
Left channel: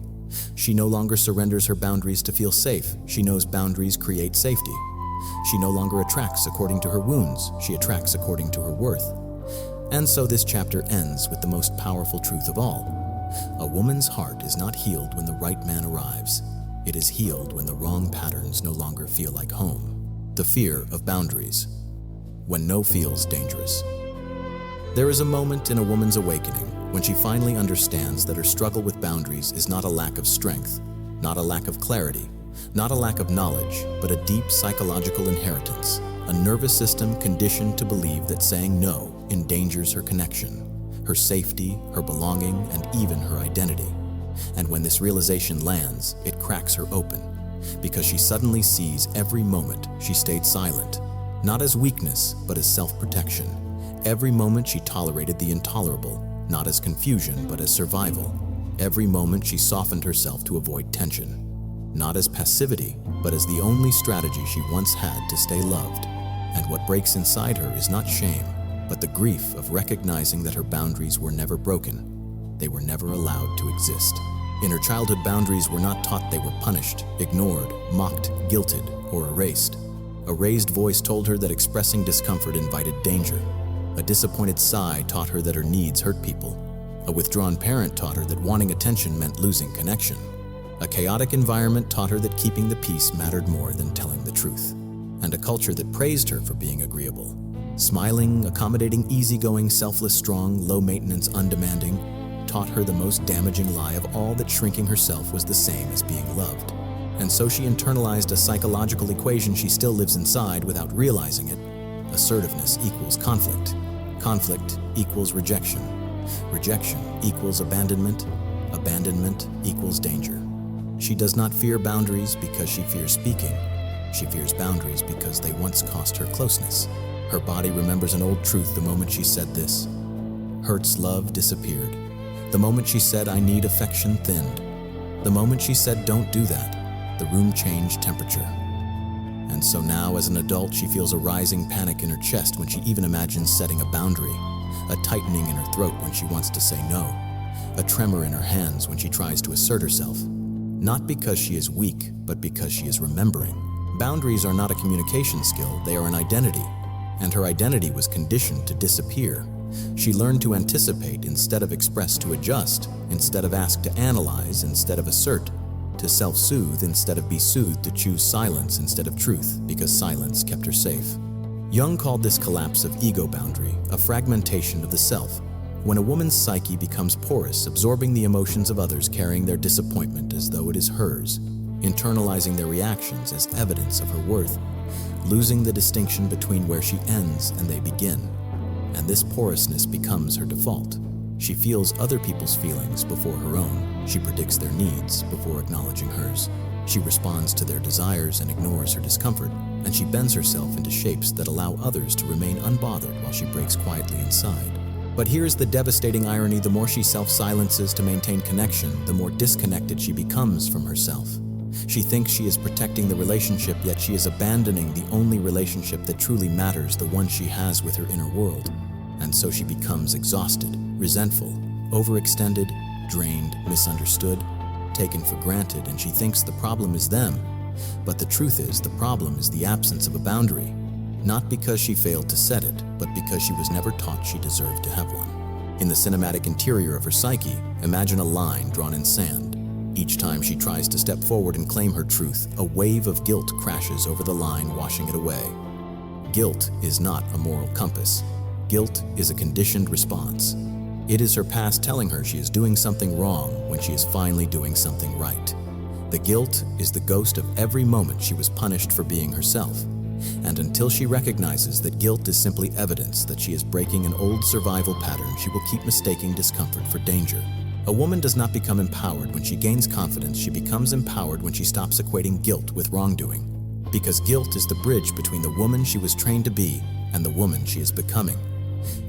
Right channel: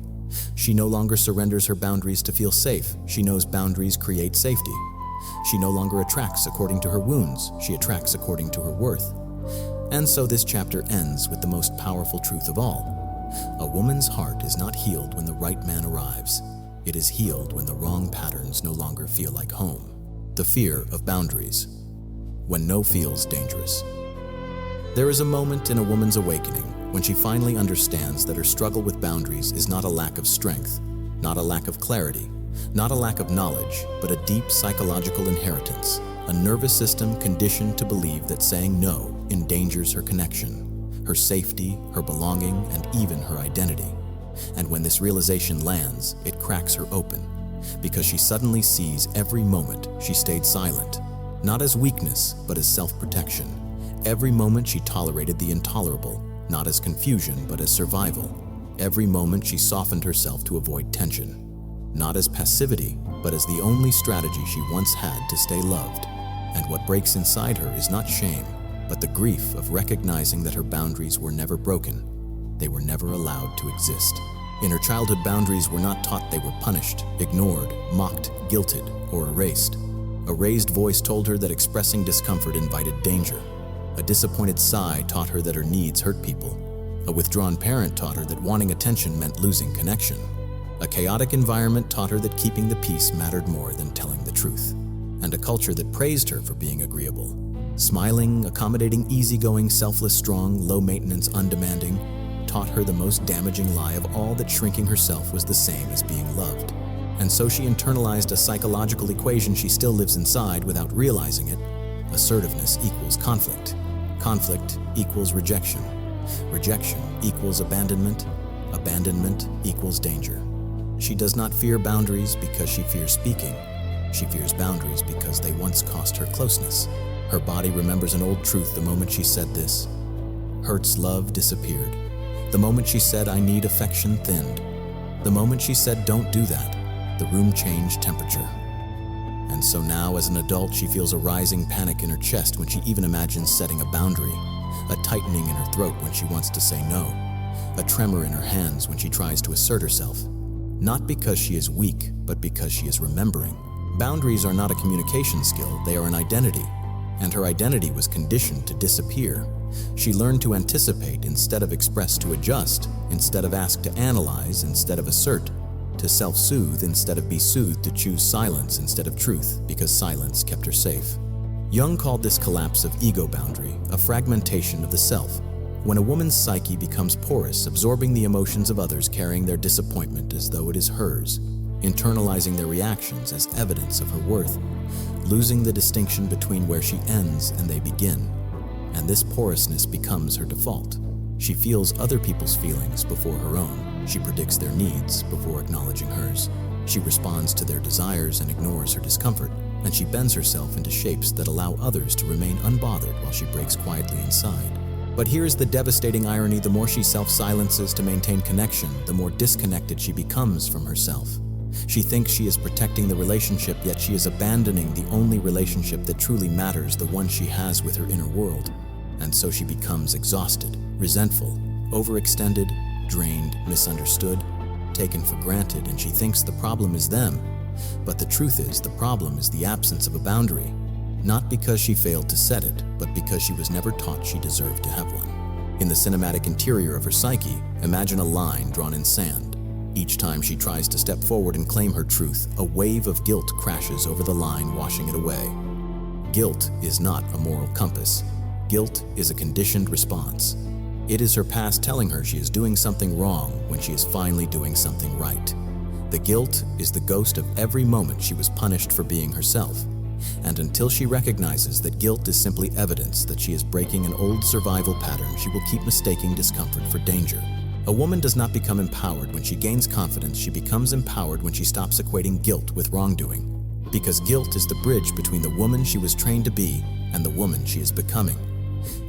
She no longer surrenders her boundaries to feel safe, she knows boundaries create safety. She no longer attracts according to her wounds, she attracts according to her worth. And so this chapter ends with the most powerful truth of all. A woman's heart is not healed when the right man arrives. It is healed when the wrong patterns no longer feel like home. The fear of boundaries. When no feels dangerous. There is a moment in a woman's awakening when she finally understands that her struggle with boundaries is not a lack of strength, not a lack of clarity, not a lack of knowledge, but a deep psychological inheritance, a nervous system conditioned to believe that saying no endangers her connection, her safety, her belonging, and even her identity. And when this realization lands, it cracks her open, because she suddenly sees every moment she stayed silent, not as weakness, but as self-protection. Every moment she tolerated the intolerable, not as confusion, but as survival. Every moment she softened herself to avoid tension, not as passivity, but as the only strategy she once had to stay loved. And what breaks inside her is not shame, but the grief of recognizing that her boundaries were never broken. They were never allowed to exist. In her childhood, boundaries were not taught. They were punished, ignored, mocked, guilted, or erased. A raised voice told her that expressing discomfort invited danger. A disappointed sigh taught her that her needs hurt people. A withdrawn parent taught her that wanting attention meant losing connection. A chaotic environment taught her that keeping the peace mattered more than telling the truth. And a culture that praised her for being agreeable. Smiling, accommodating, easygoing, selfless, strong, low-maintenance, undemanding, taught her the most damaging lie of all, that shrinking herself was the same as being loved. And so she internalized a psychological equation she still lives inside without realizing it. Assertiveness equals conflict. Conflict equals rejection. Rejection equals abandonment. Abandonment equals danger. She does not fear boundaries because she fears speaking. She fears boundaries because they once cost her closeness. Her body remembers an old truth the moment she said this. Hurt's love disappeared. The moment she said, I need affection, thinned. The moment she said, don't do that, the room changed temperature. And so now, as an adult, she feels a rising panic in her chest when she even imagines setting a boundary, a tightening in her throat when she wants to say no, a tremor in her hands when she tries to assert herself. Not because she is weak, but because she is remembering. Boundaries are not a communication skill, they are an identity. And her identity was conditioned to disappear. She learned to anticipate instead of express, to adjust instead of ask, to analyze instead of assert, to self-soothe instead of be soothed, to choose silence instead of truth, because silence kept her safe. Jung called this collapse of ego boundary a fragmentation of the self. When a woman's psyche becomes porous, absorbing the emotions of others, carrying their disappointment as though it is hers, internalizing their reactions as evidence of her worth, losing the distinction between where she ends and they begin. And this porousness becomes her default. She feels other people's feelings before her own. She predicts their needs before acknowledging hers. She responds to their desires and ignores her discomfort. And she bends herself into shapes that allow others to remain unbothered while she breaks quietly inside. But here's the devastating irony: the more she self-silences to maintain connection, the more disconnected she becomes from herself. She thinks she is protecting the relationship, yet she is abandoning the only relationship that truly matters, the one she has with her inner world. And so she becomes exhausted, resentful, overextended, drained, misunderstood, taken for granted, and she thinks the problem is them. But the truth is, the problem is the absence of a boundary. Not because she failed to set it, but because she was never taught she deserved to have one. In the cinematic interior of her psyche, imagine a line drawn in sand. Each time she tries to step forward and claim her truth, a wave of guilt crashes over the line, washing it away. Guilt is not a moral compass. Guilt is a conditioned response. It is her past telling her she is doing something wrong when she is finally doing something right. The guilt is the ghost of every moment she was punished for being herself. And until she recognizes that guilt is simply evidence that she is breaking an old survival pattern, she will keep mistaking discomfort for danger. A woman does not become empowered when she gains confidence. She becomes empowered when she stops equating guilt with wrongdoing. Because guilt is the bridge between the woman she was trained to be and the woman she is becoming.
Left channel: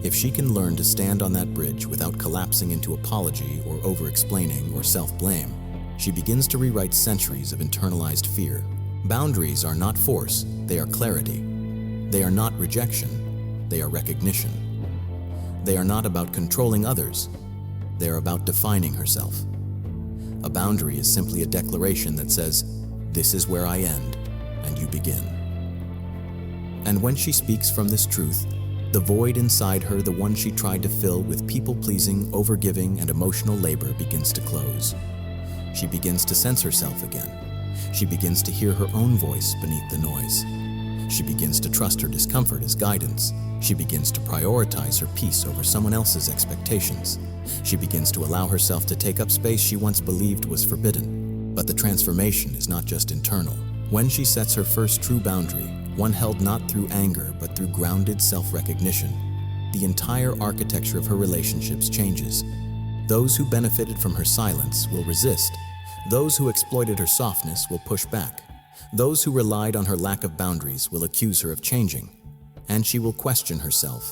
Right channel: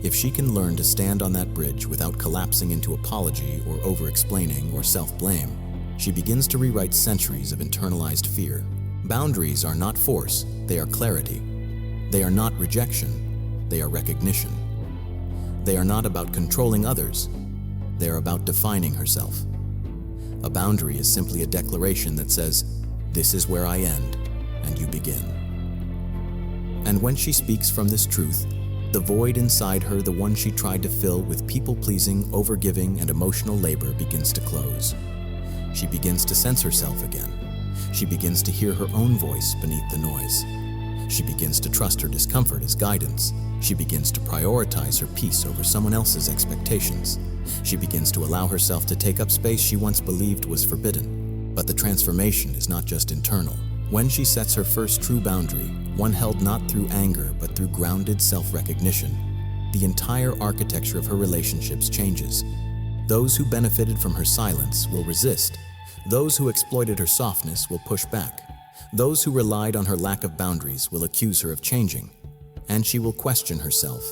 If she can learn to stand on that bridge without collapsing into apology or over-explaining or self-blame, she begins to rewrite centuries of internalized fear. Boundaries are not force, they are clarity. They are not rejection, they are recognition. They are not about controlling others, they are about defining herself. A boundary is simply a declaration that says, this is where I end, and you begin. And when she speaks from this truth, the void inside her, the one she tried to fill with people-pleasing, overgiving, and emotional labor, begins to close. She begins to sense herself again. She begins to hear her own voice beneath the noise. She begins to trust her discomfort as guidance. She begins to prioritize her peace over someone else's expectations. She begins to allow herself to take up space she once believed was forbidden. But the transformation is not just internal. When she sets her first true boundary, one held not through anger but through grounded self-recognition, the entire architecture of her relationships changes. Those who benefited from her silence will resist. Those who exploited her softness will push back. Those who relied on her lack of boundaries will accuse her of changing. And she will question herself.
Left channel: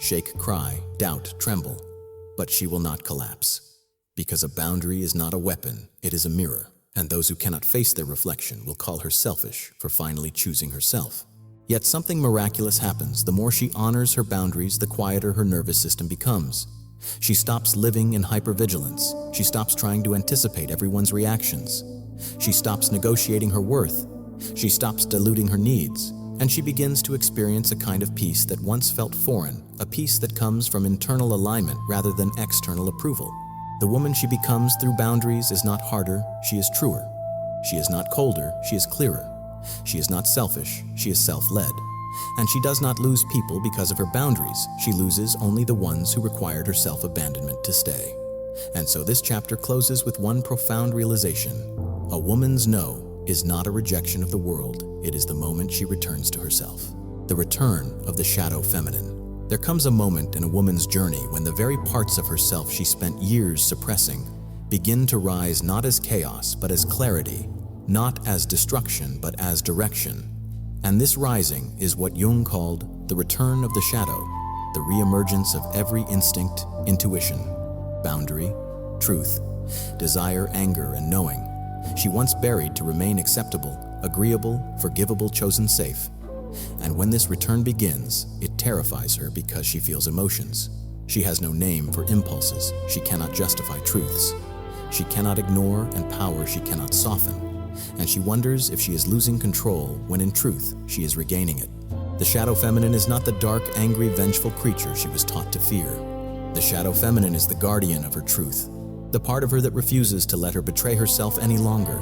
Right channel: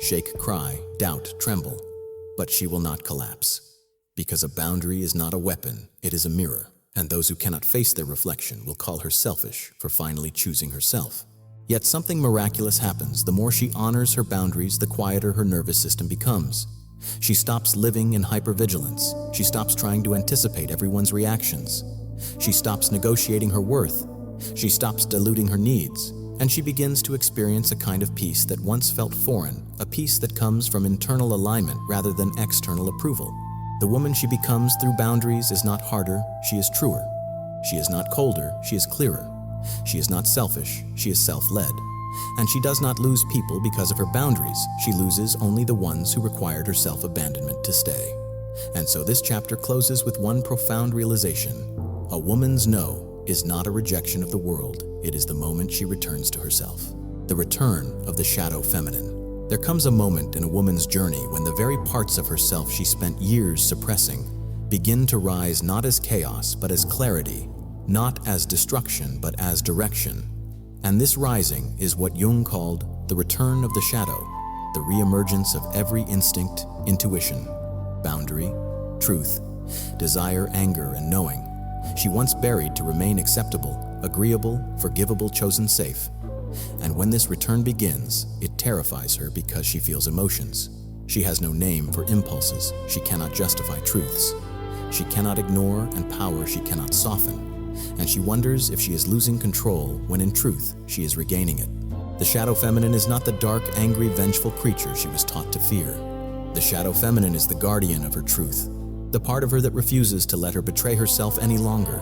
Shake, cry, doubt, tremble. But she will not collapse. Because a boundary is not a weapon, it is a mirror. And those who cannot face their reflection will call her selfish for finally choosing herself. Yet something miraculous happens. The more she honors her boundaries, the quieter her nervous system becomes. She stops living in hypervigilance. She stops trying to anticipate everyone's reactions. She stops negotiating her worth. She stops diluting her needs. And she begins to experience a kind of peace that once felt foreign, a peace that comes from internal alignment rather than external approval. The woman she becomes through boundaries is not harder, she is truer. She is not colder, she is clearer. She is not selfish, she is self-led. And she does not lose people because of her boundaries. She loses only the ones who required her self-abandonment to stay. And so this chapter closes with one profound realization. A woman's no is not a rejection of the world, it is the moment she returns to herself. The return of the shadow feminine. There comes a moment in a woman's journey when the very parts of herself she spent years suppressing begin to rise not as chaos but as clarity, not as destruction but as direction. And this rising is what Jung called the return of the shadow, the reemergence of every instinct, intuition, boundary, truth, desire, anger, and knowing. She once buried to remain acceptable, agreeable, forgivable, chosen safe. And when this return begins, it terrifies her because she feels emotions. She has no name for impulses. She cannot justify truths. She cannot ignore, and power she cannot soften. And she wonders if she is losing control when in truth she is regaining it. The shadow feminine is not the dark, angry, vengeful creature she was taught to fear. The shadow feminine is the guardian of her truth, the part of her that refuses to let her betray herself any longer.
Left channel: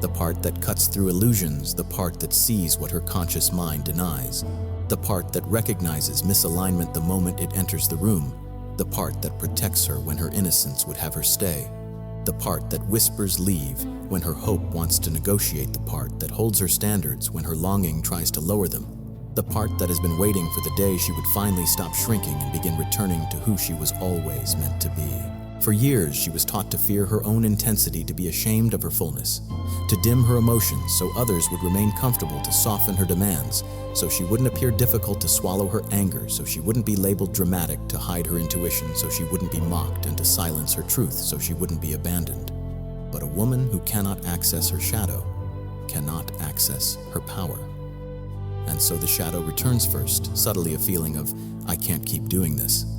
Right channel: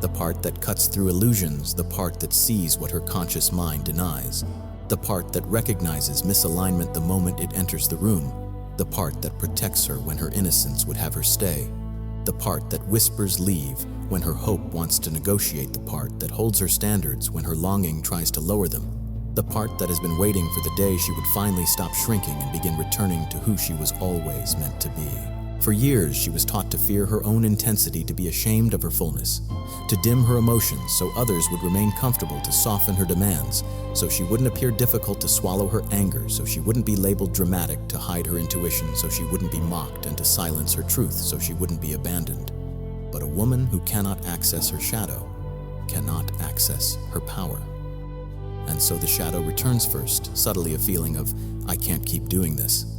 The part that cuts through illusions, the part that sees what her conscious mind denies, the part that recognizes misalignment the moment it enters the room, the part that protects her when her innocence would have her stay, the part that whispers leave when her hope wants to negotiate, the part that holds her standards when her longing tries to lower them, the part that has been waiting for the day she would finally stop shrinking and begin returning to who she was always meant to be. For years, she was taught to fear her own intensity, to be ashamed of her fullness, to dim her emotions so others would remain comfortable, to soften her demands so she wouldn't appear difficult, to swallow her anger so she wouldn't be labeled dramatic, to hide her intuition so she wouldn't be mocked, and to silence her truth so she wouldn't be abandoned. But a woman who cannot access her shadow cannot access her power. And so the shadow returns first, subtly a feeling of, I can't keep doing this.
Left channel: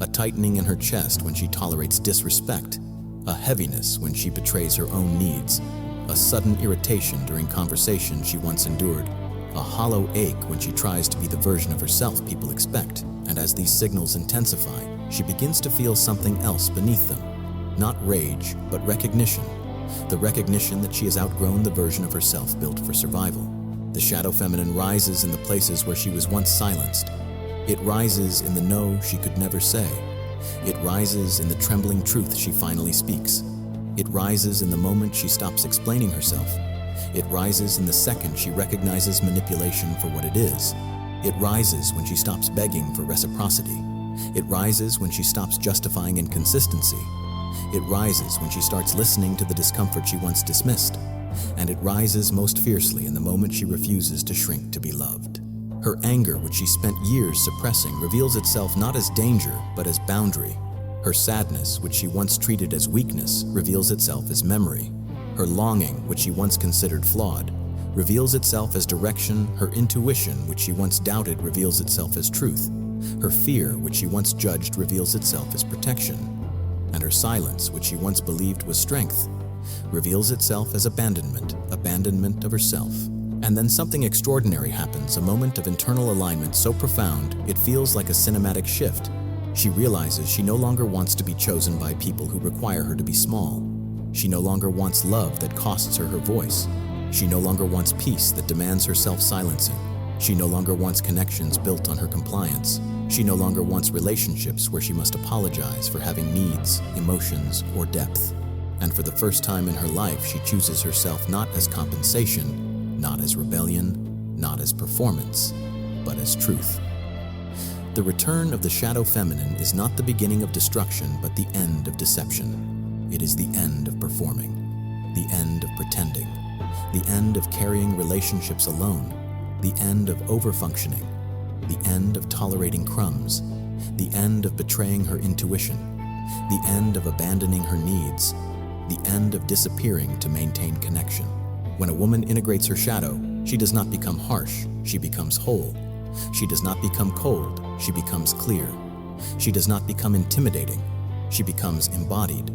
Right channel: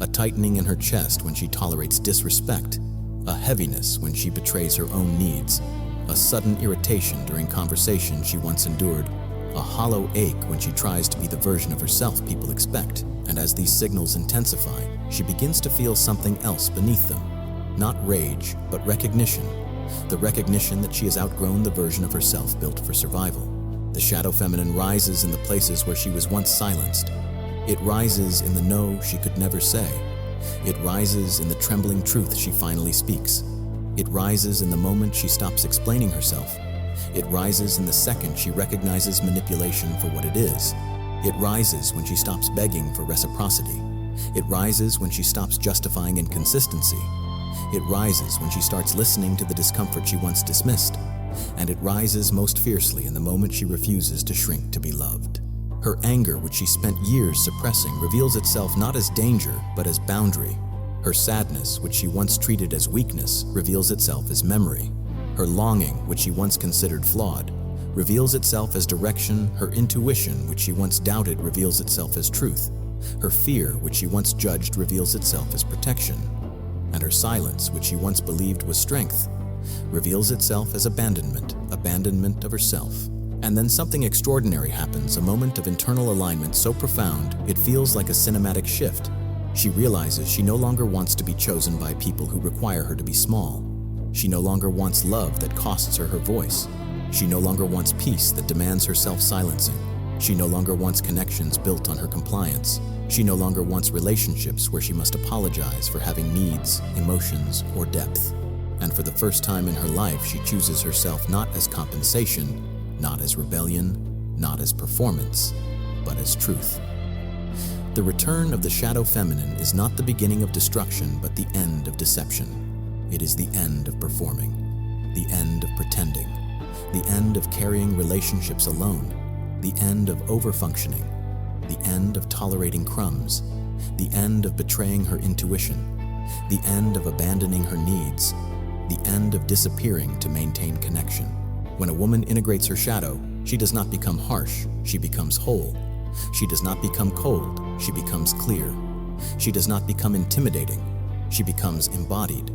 A tightening in her chest when she tolerates disrespect, a heaviness when she betrays her own needs, a sudden irritation during conversation she once endured, a hollow ache when she tries to be the version of herself people expect. And as these signals intensify, she begins to feel something else beneath them. Not rage, but recognition. The recognition that she has outgrown the version of herself built for survival. The shadow feminine rises in the places where she was once silenced. It rises in the no she could never say. It rises in the trembling truth she finally speaks. It rises in the moment she stops explaining herself. It rises in the second she recognizes manipulation for what it is. It rises when she stops begging for reciprocity. It rises when she stops justifying inconsistency. It rises when she starts listening to the discomfort she once dismissed. And it rises most fiercely in the moment she refuses to shrink to be loved. Her anger, which she spent years suppressing, reveals itself not as danger, but as boundary. Her sadness, which she once treated as weakness, reveals itself as memory. Her longing, which she once considered flawed, reveals itself as direction. Her intuition, which she once doubted, reveals itself as truth. Her fear, which she once judged, reveals itself as protection. And her silence, which she once believed was strength, reveals itself as abandonment of herself. And then something extraordinary happens, a moment of internal alignment so profound it feels like a cinematic shift. She realizes she no longer wants to be chosen by people who require her to be small. She no longer wants love that costs her her voice. She no longer wants peace that demands her self-silencing. She no longer wants connections built on her compliance. She no longer wants relationships where she must apologize for having needs, emotions, or depth. And for the first time in her life, she chooses herself not as compensation, not as rebellion, not as performance, but as truth. The The return of the shadow feminine is not the beginning of destruction, but the end of deception. It is the end of performing, the end of pretending, the end of carrying relationships alone, the end of overfunctioning, the end of tolerating crumbs, the end of betraying her intuition, the end of abandoning her needs, the end of disappearing to maintain connection. When a woman integrates her shadow, she does not become harsh, she becomes whole. She does not become cold, she becomes clear. She does not become intimidating, she becomes embodied.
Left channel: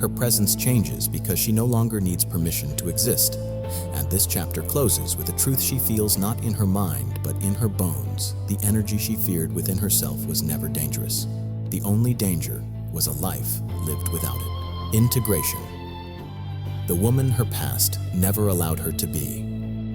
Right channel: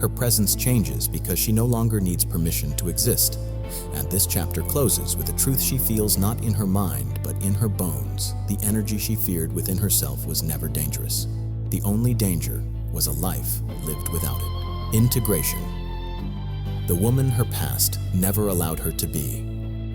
Her presence changes because she no longer needs permission to exist. And this chapter closes with a truth she feels not in her mind, but in her bones. The energy she feared within herself was never dangerous. The only danger was a life lived without it. Integration. The woman her past never allowed her to be.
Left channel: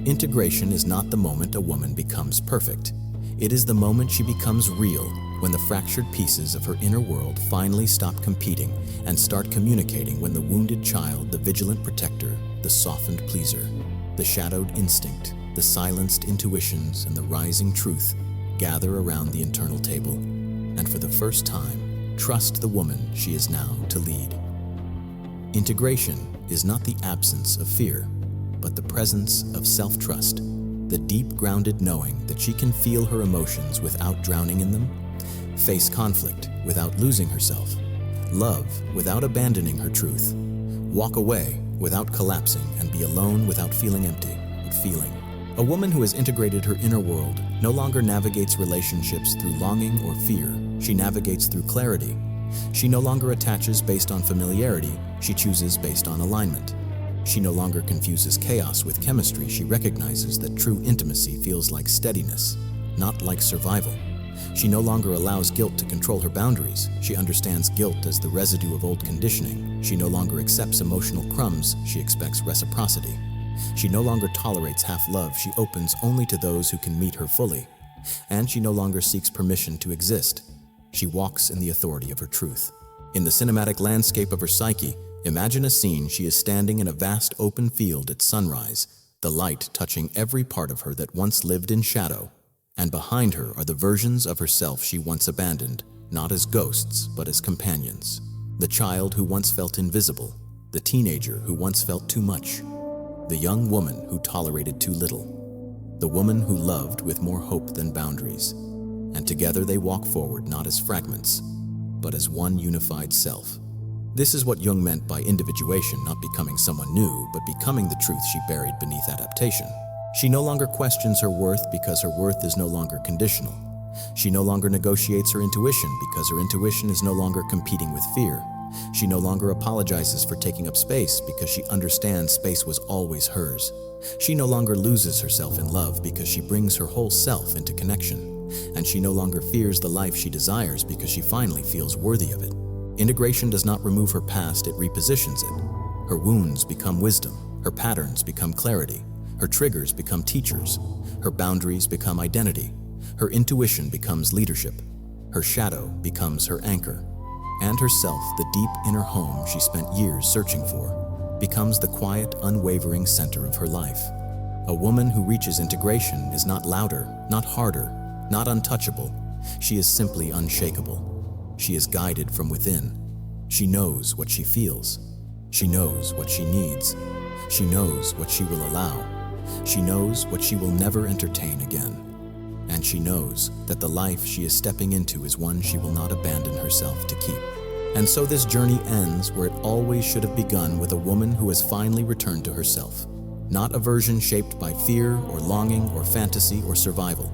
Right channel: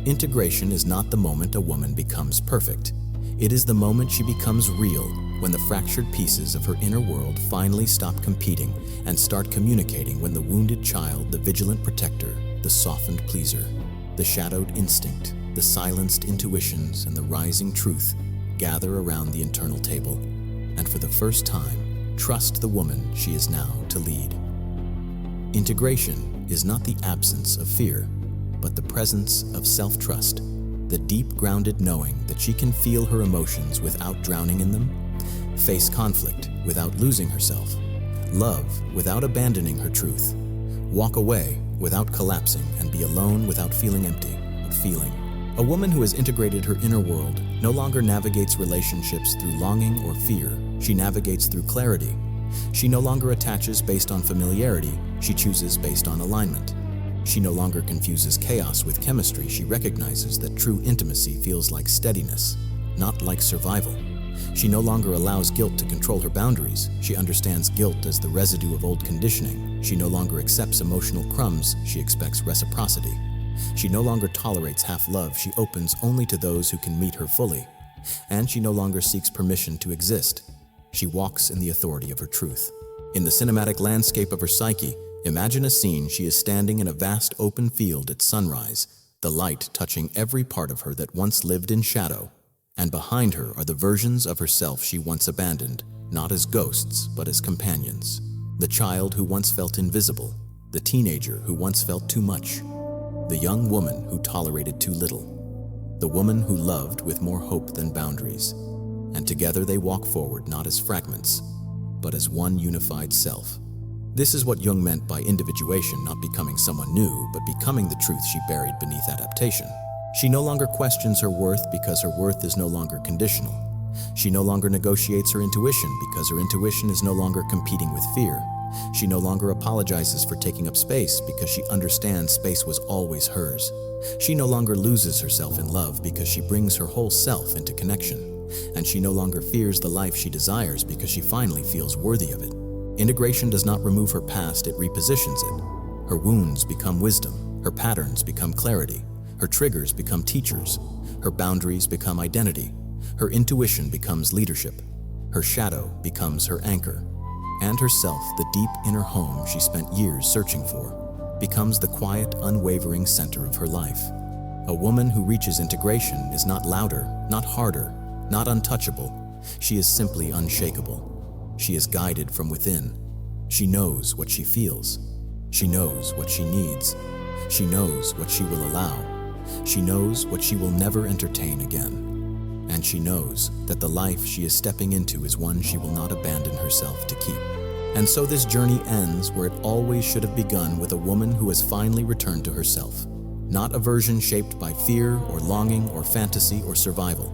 Integration is not the moment a woman becomes perfect. It is the moment she becomes real, when the fractured pieces of her inner world finally stop competing and start communicating, when the wounded child, the vigilant protector, the softened pleaser, the shadowed instinct, the silenced intuitions, and the rising truth gather around the internal table, and for the first time, trust the woman she is now to lead. Integration is not the absence of fear, but the presence of self-trust, the deep-grounded knowing that she can feel her emotions without drowning in them, face conflict without losing herself, love without abandoning her truth, walk away without collapsing, and be alone without feeling empty, but feeling. A woman who has integrated her inner world no longer navigates relationships through longing or fear. She navigates through clarity. She no longer attaches based on familiarity, she chooses based on alignment. She no longer confuses chaos with chemistry. She recognizes that true intimacy feels like steadiness, not like survival. She no longer allows guilt to control her boundaries. She understands guilt as the residue of old conditioning. She no longer accepts emotional crumbs. She expects reciprocity. She no longer tolerates half-love. She opens only to those who can meet her fully. And she no longer seeks permission to exist. She walks in the authority of her truth. In the cinematic landscape of her psyche, imagine a scene. She is standing in a vast open field at sunrise, the light touching every part of her that once lived in shadow. And behind her are the versions of herself she once abandoned, not as ghosts, but as companions. The child who once felt invisible, the teenager who once felt too much, the young woman who tolerated too little, the woman who loved with more hope than boundaries. And together they walk forward not as fragments, but as one unified self. This is what Jung meant by individuation, not becoming someone new, but becoming the truth she buried beneath adaptation. She no longer questions her worth because her worth is no longer conditional. She no longer negotiates her intuition because her intuition is no longer competing with fear. She no longer apologizes for taking up space because she understands space was always hers. She no longer loses herself in love because she brings her whole self into connection. And she no longer fears the life she desires because she finally feels worthy of it. Integration does not remove her past, it repositions it. Her wounds become wisdom, her patterns become clarity, her triggers become teachers, her boundaries become identity, her intuition becomes leadership, her shadow becomes her anchor, and herself, the deep inner home she spent years searching for, becomes the quiet, unwavering center of her life. A woman who reaches integration is not louder, not harder, not untouchable. She is simply unshakable. She is guided from within. She knows what she feels. She knows what she needs. She knows what she will allow. She knows what she will never entertain again. And she knows that the life she is stepping into is one she will not abandon herself to keep. And so this journey ends where it always should have begun, with a woman who has finally returned to herself. Not a version shaped by fear or longing or fantasy or survival,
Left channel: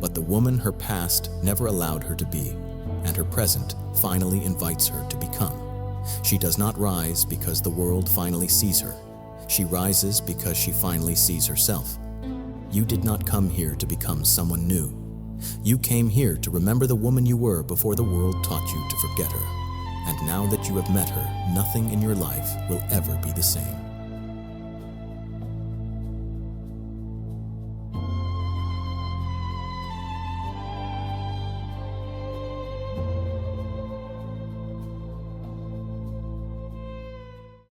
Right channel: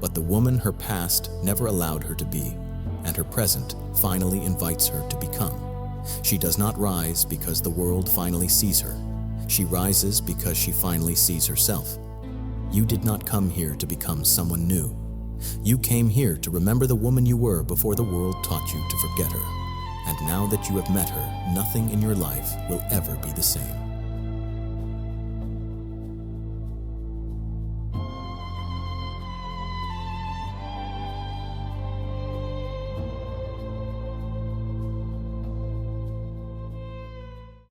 but the woman her past never allowed her to be, and her present finally invites her to become. She does not rise because the world finally sees her. She rises because she finally sees herself. You did not come here to become someone new. You came here to remember the woman you were before the world taught you to forget her. And now that you have met her, nothing in your life will ever be the same.